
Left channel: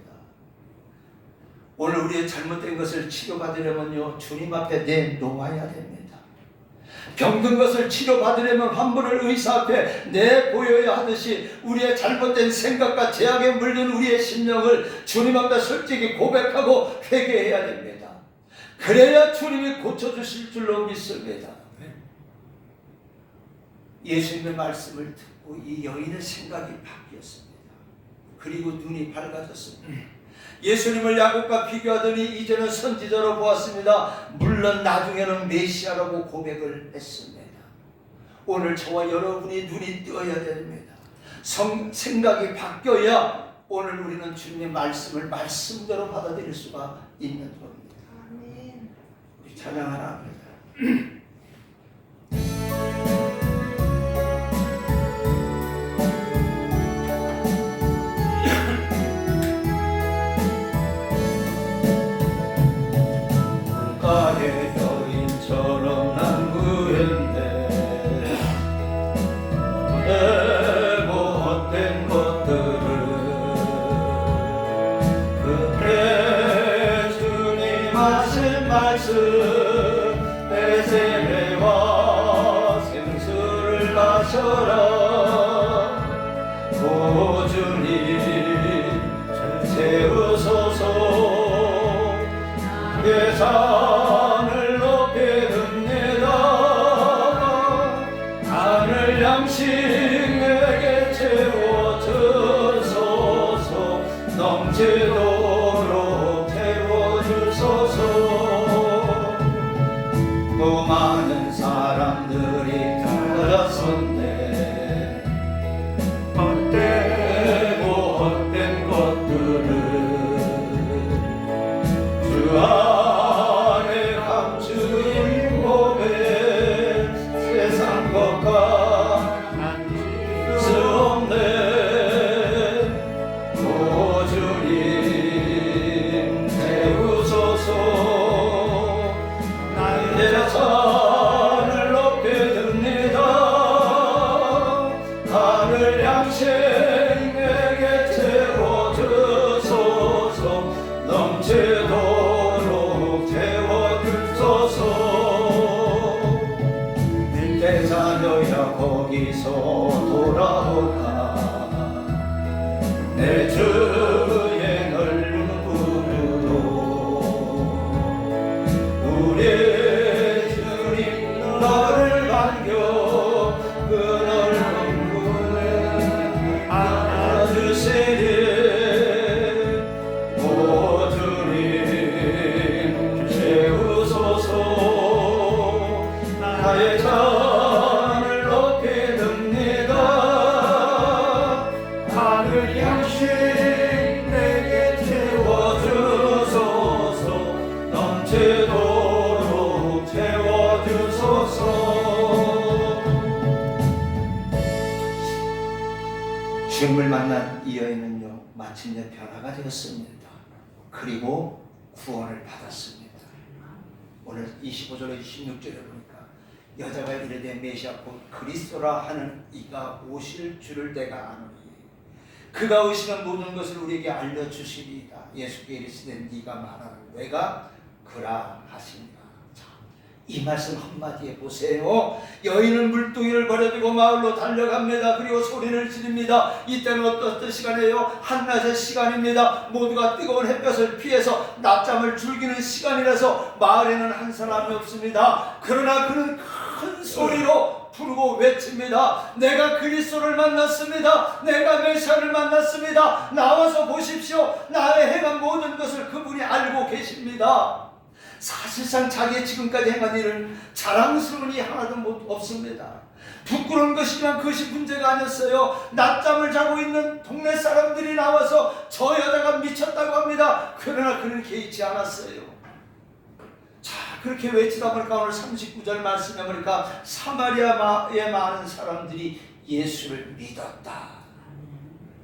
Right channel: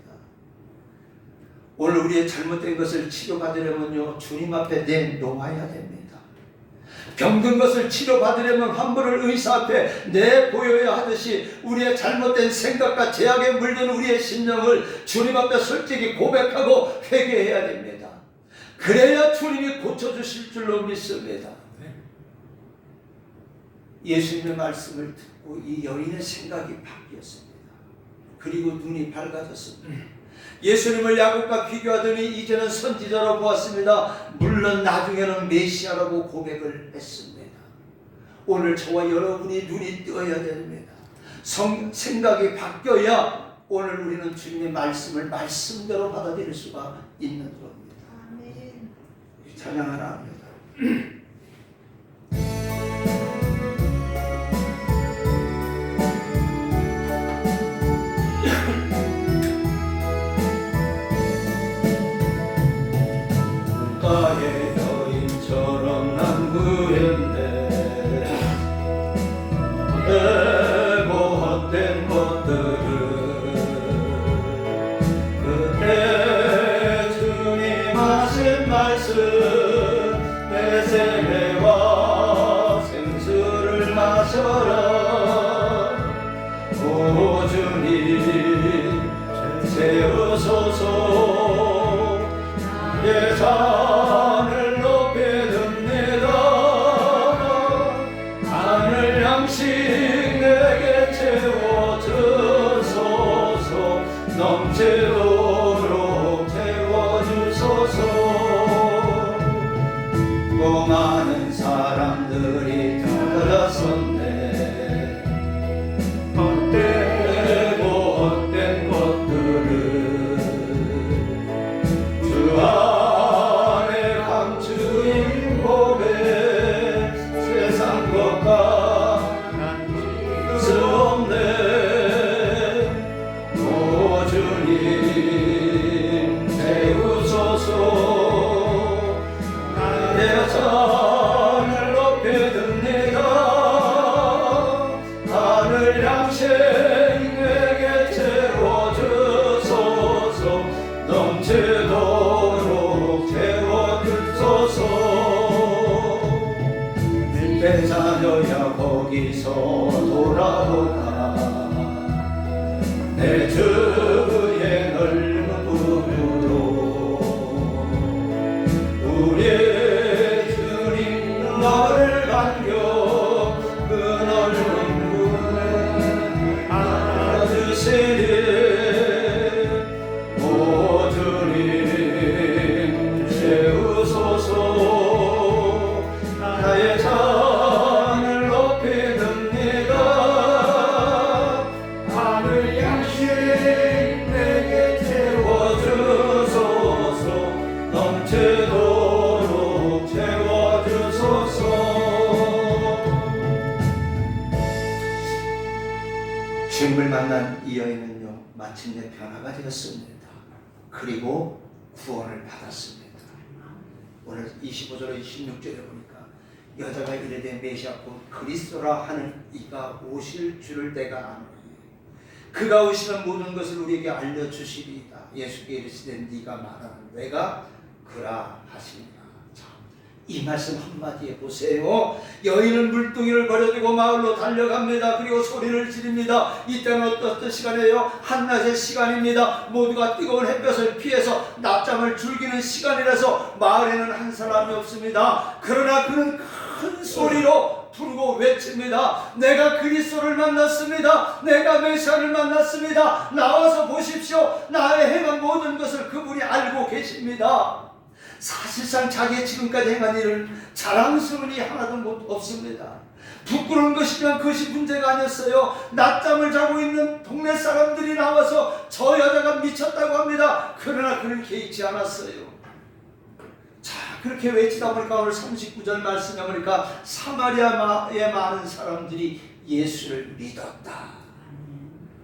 오늘 우리의 잘못된 것을 치료받으려면요 주님 앞에 내놓아야 됩니다. 병든 것을 치료받으려면 환부를 의사 앞에 내보여야 하듯이 우리의 잘못된 생각과 죄악에 물든 우리의 심령을 주님 앞에 솔직히 고백하고 회개해야 됩니다. 그래야 주님이 고쳐주실 줄로 믿습니다. 예수님의 말씀을 듣고 이 여인의 생각이 바뀌었습니다. 그리고 눈이 밝아졌습니다. 예수님을 야곱과 비교하더니 이제는 선지자로 보았습니다. 물론 나중에는 메시아라고 고백을 했습니다. 오늘 저와 여러분이 눈이 뜨어야 됩니다. 생각이 바뀌어야 오늘 우리는 주님의 말씀을 말씀대로 받아들일 수가 있는 겁니다. 아멘. 찬양 하나 합니다. 가의 여인처럼 난 구했네. 내고 헛된 것들을 그때 주님 하신 말씀 배새배와 생수를 마셔라. 오 주님 채우소서. 내 산을 높이 듭니다. 하늘 양식 내게 채워주소서. 넘치도록 채워주소서. 또 많은 사람들이 찾아섰네. 헛되고 헛된 것들을 주 안에 감추인 고백. 세상 것과 수 없네. 오 주님 채우소서. 나의 산을 높이 듭니다. 하늘 양식 내게 채워주소서. 넘치도록 채워주소서. 내 자녀야 거기서 돌아오라. 내 주의 넓은 구로 우리 주님 너를 반겨 그 넓은 구에 안아주시리. 오 주님 채우소서. 나의 잔을 높이 듭니다. 하늘 양식 내게 채워주소서. 넘치도록 채워주소서. 주님을 만난 이 여인은요, 마침내 변화가 되었습니다. 그리고 구원을 받았습니다. 오늘 25절에 26절에 보니까 여자가 이르되 메시아 곧 그리스도라 하는 이가 오실 줄을 내가 아노니 그가 오시면 모든 것을 우리에게 알려주시리이다. 예수께 이르시되 네가 말하는 내가 그라 하시니라. 이 말씀 한마디에 보세요. 여인은 물동이를 버려두고 마을로 달려갑니다. 그리고 소리를 지릅니다. 이때는 어떤 시간이에요? 한낮의 시간입니다. 모두가 뜨거운 햇볕을 피해서 낮잠을 즐기는 시간이라서 마을에는 한 사람이 없습니다. 그러나 그는 큰 소리로 부르고 외칩니다. 내가 그리스도를 만났습니다. 내가 메시아를 만났습니다. 나와서 보십시오. 나의 행한 모든 것을 그분이 알고 계십니다. 사실상 자기의 지금까지 행한 일은 자랑스러운 일 하나도 없습니다. 부끄러운 것이지만 그것이 문제가 아니었어요. 낮잠을 자고 있는 동네 사람들이 나와서 저 여자가 미쳤다고 합니다. 그러나 그는 개의치 않았어요. 자, 그렇게 외치다 보니까 오늘 39절 말씀에 보니까 사마리아에 많은 사람들이 예수를 믿었다.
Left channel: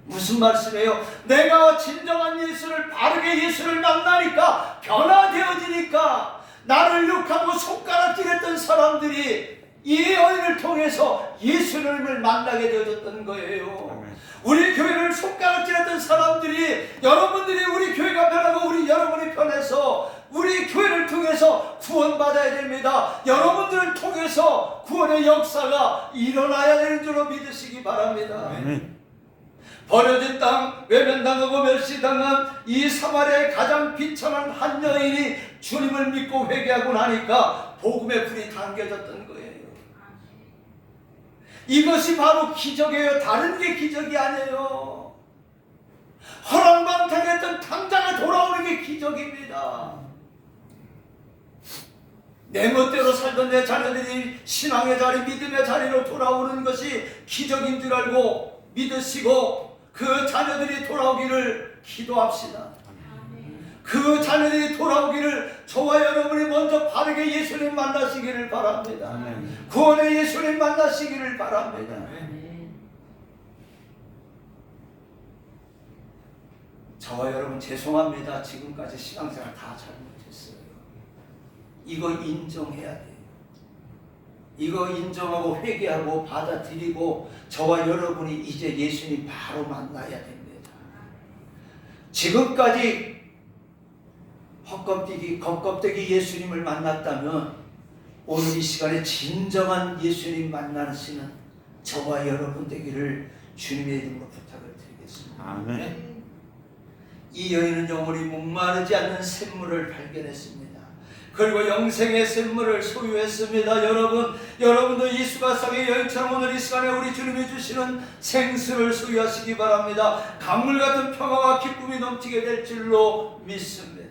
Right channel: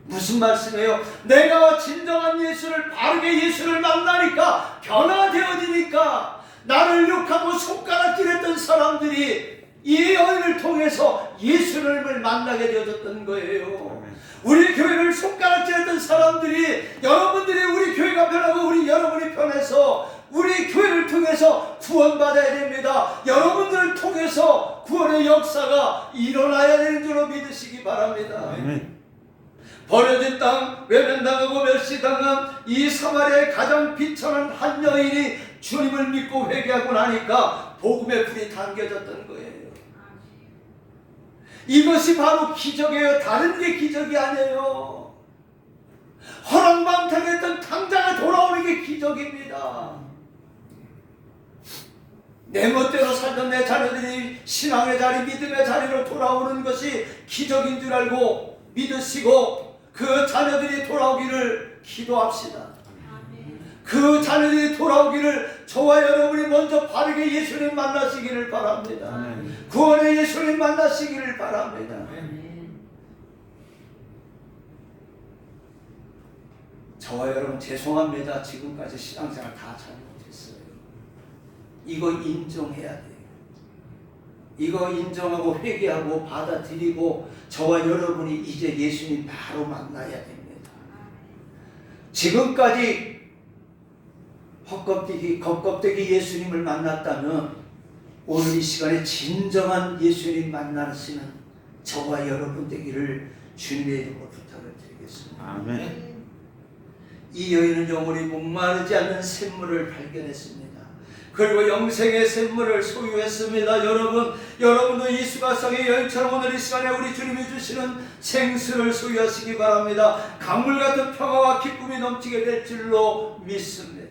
무슨 말씀이에요? 내가 진정한 예수를, 바르게 예수를 만나니까, 변화되어지니까 나를 욕하고 손가락질했던 사람들이 이 여인을 통해서 예수님을 만나게 되어졌던 거예요. 아멘. 우리 교회를 손가락질했던 사람들이, 여러분들이 우리 교회가 변하고 우리 여러분이 변해서 우리 교회를 통해서 구원받아야 됩니다. 여러분들을 통해서 구원의 역사가 일어나야 되는 줄로 믿으시기 바랍니다. 아멘. 버려진 땅, 외면당하고 멸시당한 이 사마리아의 가장 비천한 한 여인이 주님을 믿고 회개하고 나니까 복음의 불이 당겨졌던 거예요. 이것이 바로 기적이에요. 다른 게 기적이 아니에요. 허랑방탕했던 탕자가 돌아오는 게 기적입니다. 내 멋대로 살던 내 자녀들이 신앙의 자리, 믿음의 자리로 돌아오는 것이 기적인 줄 알고 믿으시고 그 자녀들이 돌아오기를 기도합시다. 그 자녀들이 돌아오기를 저와 여러분이 먼저 바르게 예수님 만나시기를 바랍니다. 아멘. 구원의 예수님 만나시기를 바랍니다. 저와 여러분 죄송합니다. 지금까지 신앙생활 다 잘못했어요. 이거 인정해야 돼요. 이거 인정하고 회개하고 받아들이고 저와 여러분이 이제 예수님 바로 만나야 됩니다. 지금까지 겉껍데기 예수님을 만났다면 오늘 이 시간에 진정한 예수님 만나시는 저와 여러분 되기를 주님의 이름으로 부탁을 드리겠습니다. 아멘. 이 여인은 영원히 목마르지 않는 샘물을 발견했습니다. 그리고 영생의 샘물을 소유했습니다. 여러분도 이 수가성의 여인처럼 오늘 이 시간에 우리 주님이 주시는 생수를 소유하시기 바랍니다. 강물 같은 평화와 기쁨이 넘치게 될 줄로 믿습니다.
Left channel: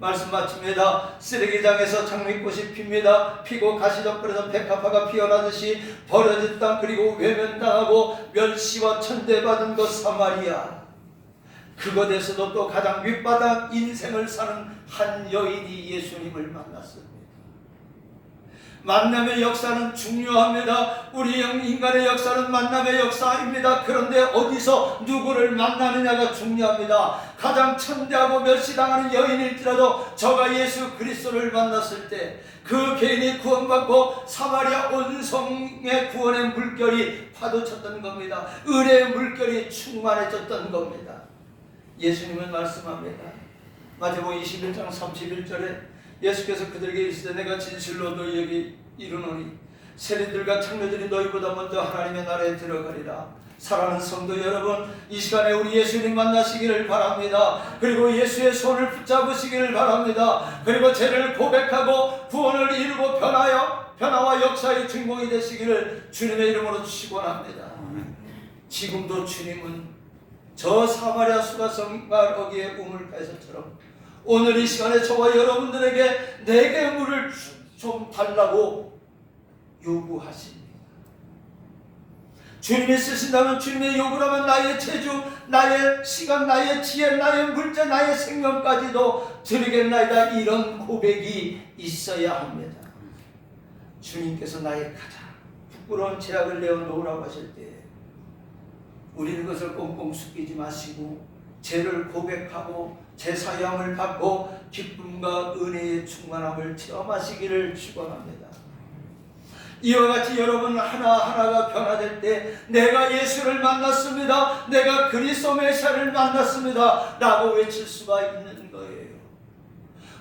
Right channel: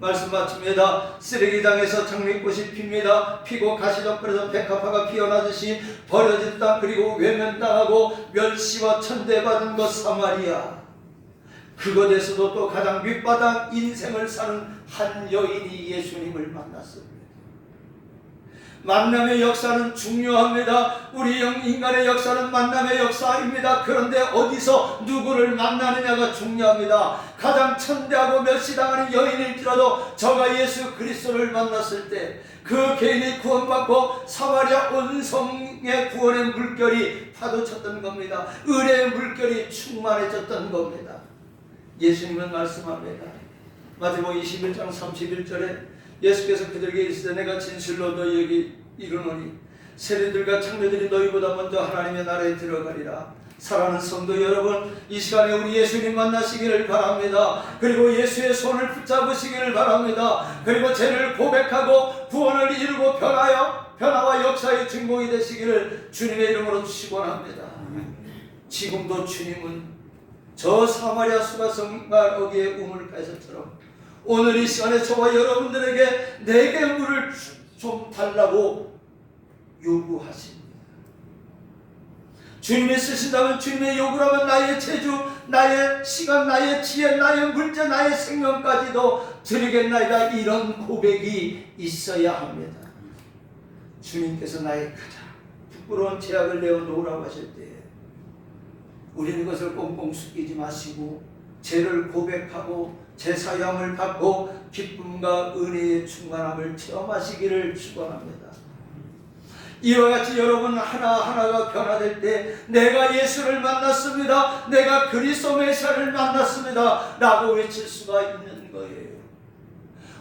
말씀 마칩니다. 쓰레기장에서 장미꽃이 핍니다. 피고 가시적거리던 백합화가 피어나듯이 버려진 땅, 그리고 외면당하고 멸시와 천대받은 것 사마리아, 그것에서도 또 가장 밑바닥 인생을 사는 한 여인이 예수님을 만났습니다. 만남의 역사는 중요합니다. 우리 인간의 역사는 만남의 역사입니다. 그런데 어디서 누구를 만나느냐가 중요합니다. 가장 천대하고 멸시당하는 여인일지라도 저가 예수 그리스도를 만났을 때 그 개인이 구원받고 사마리아 온 성의 구원의 물결이 파도쳤던 겁니다. 은혜의 물결이 충만해졌던 겁니다. 예수님은 말씀합니다. 마태복음 21장 31절에 예수께서 그들에게 이르시되 내가 진실로 너희에게 이르노니 세리들과 창녀들이 너희보다 먼저 하나님의 나라에 들어가리라. 사랑하는 성도 여러분, 이 시간에 우리 예수님 만나시기를 바랍니다. 그리고 예수의 손을 붙잡으시기를 바랍니다. 그리고 죄를 고백하고 구원을 이루고 변화와 역사의 주인공이 되시기를 주님의 이름으로 축원합니다. 지금도 주님은 저 사마리아 수가성과 거기에 우물가에서처럼 오늘 이 시간에 저와 여러분들에게 내게 물을 좀 달라고 요구하십니다. 주님이 쓰신다면, 주님의 요구라면 나의 재주, 나의 시간, 나의 지혜, 나의 물자, 나의 생명까지도 드리겠나이다. 이런 고백이 있어야 합니다. 주님께서 나의 가장 부끄러운 죄악을 내어놓으라고 하실 때 우리는 그것을 꽁꽁 숨기지 마시고 죄를 고백하고 제사함을 받고 기쁨과 은혜의 충만함을 체험하시기를 축원합니다. 이와 같이 여러분 하나하나가 변화될 때 내가 예수를 만났습니다, 내가 그리스도 메시아를 만났습니다 라고 외칠 수가 있는 거예요.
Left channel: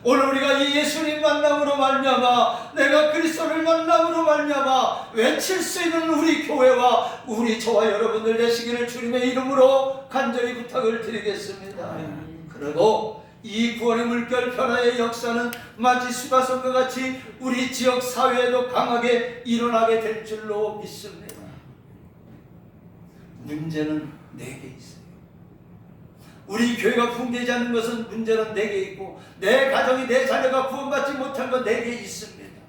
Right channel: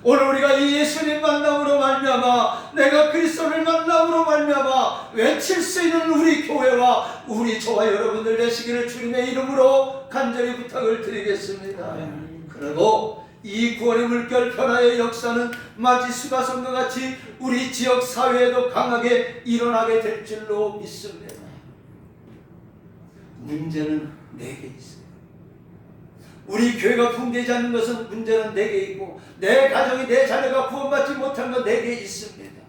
오늘 우리가 이 예수님 만남으로 말미암아, 내가 그리스도를 만남으로 말미암아 외칠 수 있는 우리 교회와 우리 저와 여러분들 되시기를 주님의 이름으로 간절히 부탁을 드리겠습니다. 그리고 이 구원의 물결 변화의 역사는 마치 수가성과 같이 우리 지역 사회에도 강하게 일어나게 될 줄로 믿습니다. 문제는 내게 있어요. 우리 교회가 붕괴되지 않는 것은 문제는 내게 있고, 내 가정이, 내 자녀가 구원받지 못한 건 내게 있습니다.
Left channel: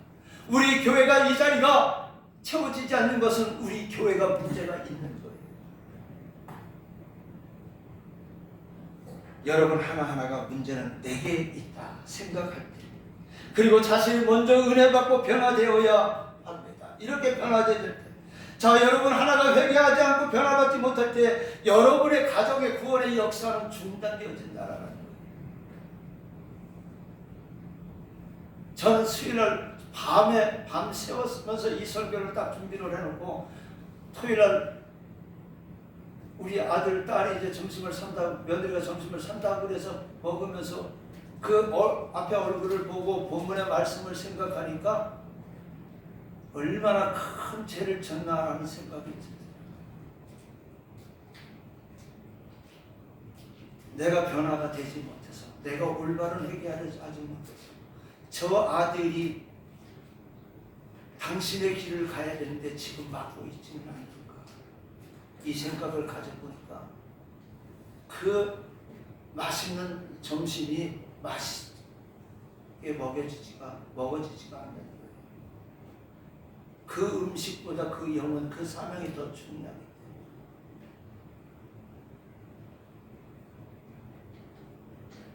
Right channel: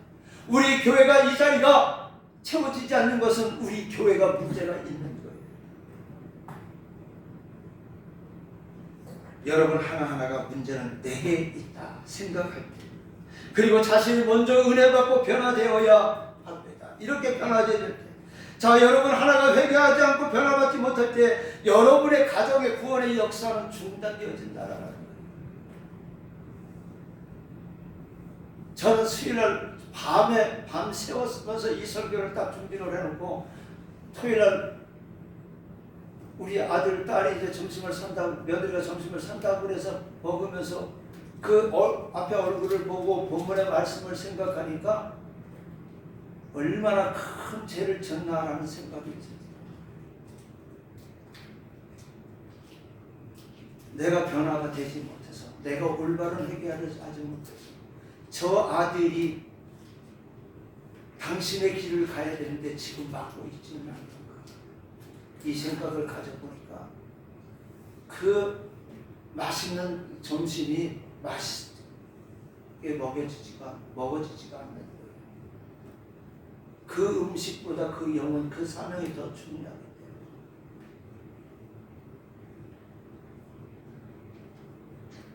우리 교회가 이 자리가 채워지지 않는 것은 우리 교회가 문제가 있는 거예요. 여러분 하나하나가 문제는 내게 있다 생각할 때, 그리고 자신이 먼저 은혜 받고 변화되어야 합니다. 이렇게 변화될 때, 자 여러분 하나가 회개하지 않고 변화받지 못할 때 여러분의 가정의 구원의 역사는 중단되어진다라는 거예요. 저는 수요일날 밤 새웠으면서 이 설교를 딱 준비를 해놓고 토요일날 우리 아들 딸이 이제 점심을 산다고, 며느리가 점심을 산다고 그래서 먹으면서 그 앞에 얼굴을 보고 본문의 말씀을 생각하니까 얼마나 큰 죄를 졌나라는 생각이 듭니다. 내가 변화가 되지 못해서, 내가 올바른 회개하지 못해서 저 아들이 당신의 길을 가야 되는데 지금 막고 있지는 않는가, 이 생각을 가져보니까 그 맛있는 점심이 맛있게 먹어지지가 않는 거예요. 그 음식보다 그 영혼, 그 사명이 더 중요하기 때문에.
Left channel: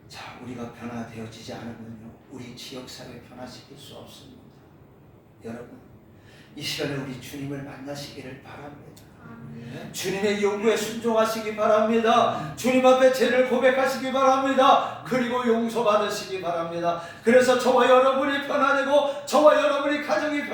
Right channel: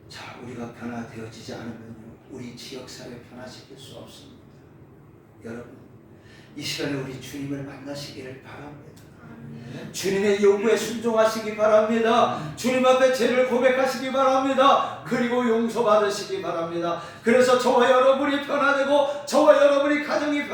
자, 우리가 변화되어지지 않으면요, 우리 지역사회 변화시킬 수 없습니다. 여러분, 이 시간에 우리 주님을 만나시기를 바랍니다. 주님의 요구에 순종하시기 바랍니다. 주님 앞에 죄를 고백하시기 바랍니다. 그리고 용서받으시기 바랍니다. 그래서 저와 여러분이 변화되고 저와 여러분이 가정을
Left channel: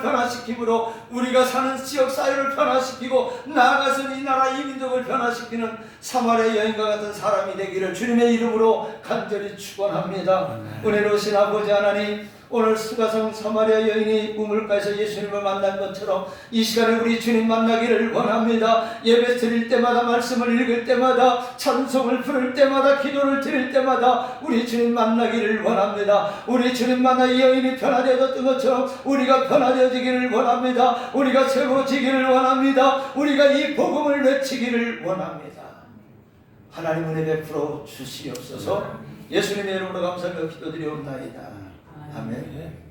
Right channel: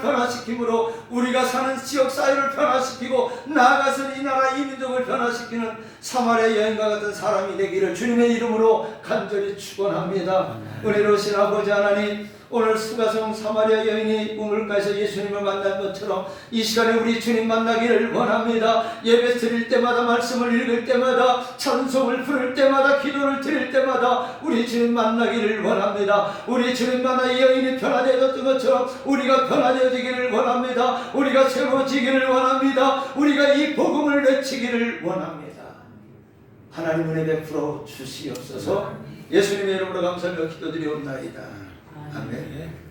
변화시킴으로 우리가 사는 지역 사회를 변화시키고 나아가서 이 나라 이 민족을 변화시키는 사마리아 여인과 같은 사람이 되기를 주님의 이름으로 간절히 축원합니다. 은혜로우신 아버지 하나님, 오늘 수가성 사마리아 여인이 우물가에서 예수님을 만난 것처럼 이 시간에 우리 주님 만나기를 원합니다. 예배 드릴 때마다, 말씀을 읽을 때마다, 찬송을 부를 때마다, 기도를 드릴 때마다 우리 주님 만나기를 원합니다. 우리 주님 만나 이 여인이 변화되었던 것처럼 우리가 변화되어지기를 원합니다. 우리가 새로워지기를 원합니다. 우리가 이 복음을 외치기를 원합니다. 하나님 은혜 베풀어 주시옵소서. 예수님의 이름으로 감사하며 기도드리옵나이다. 아멘.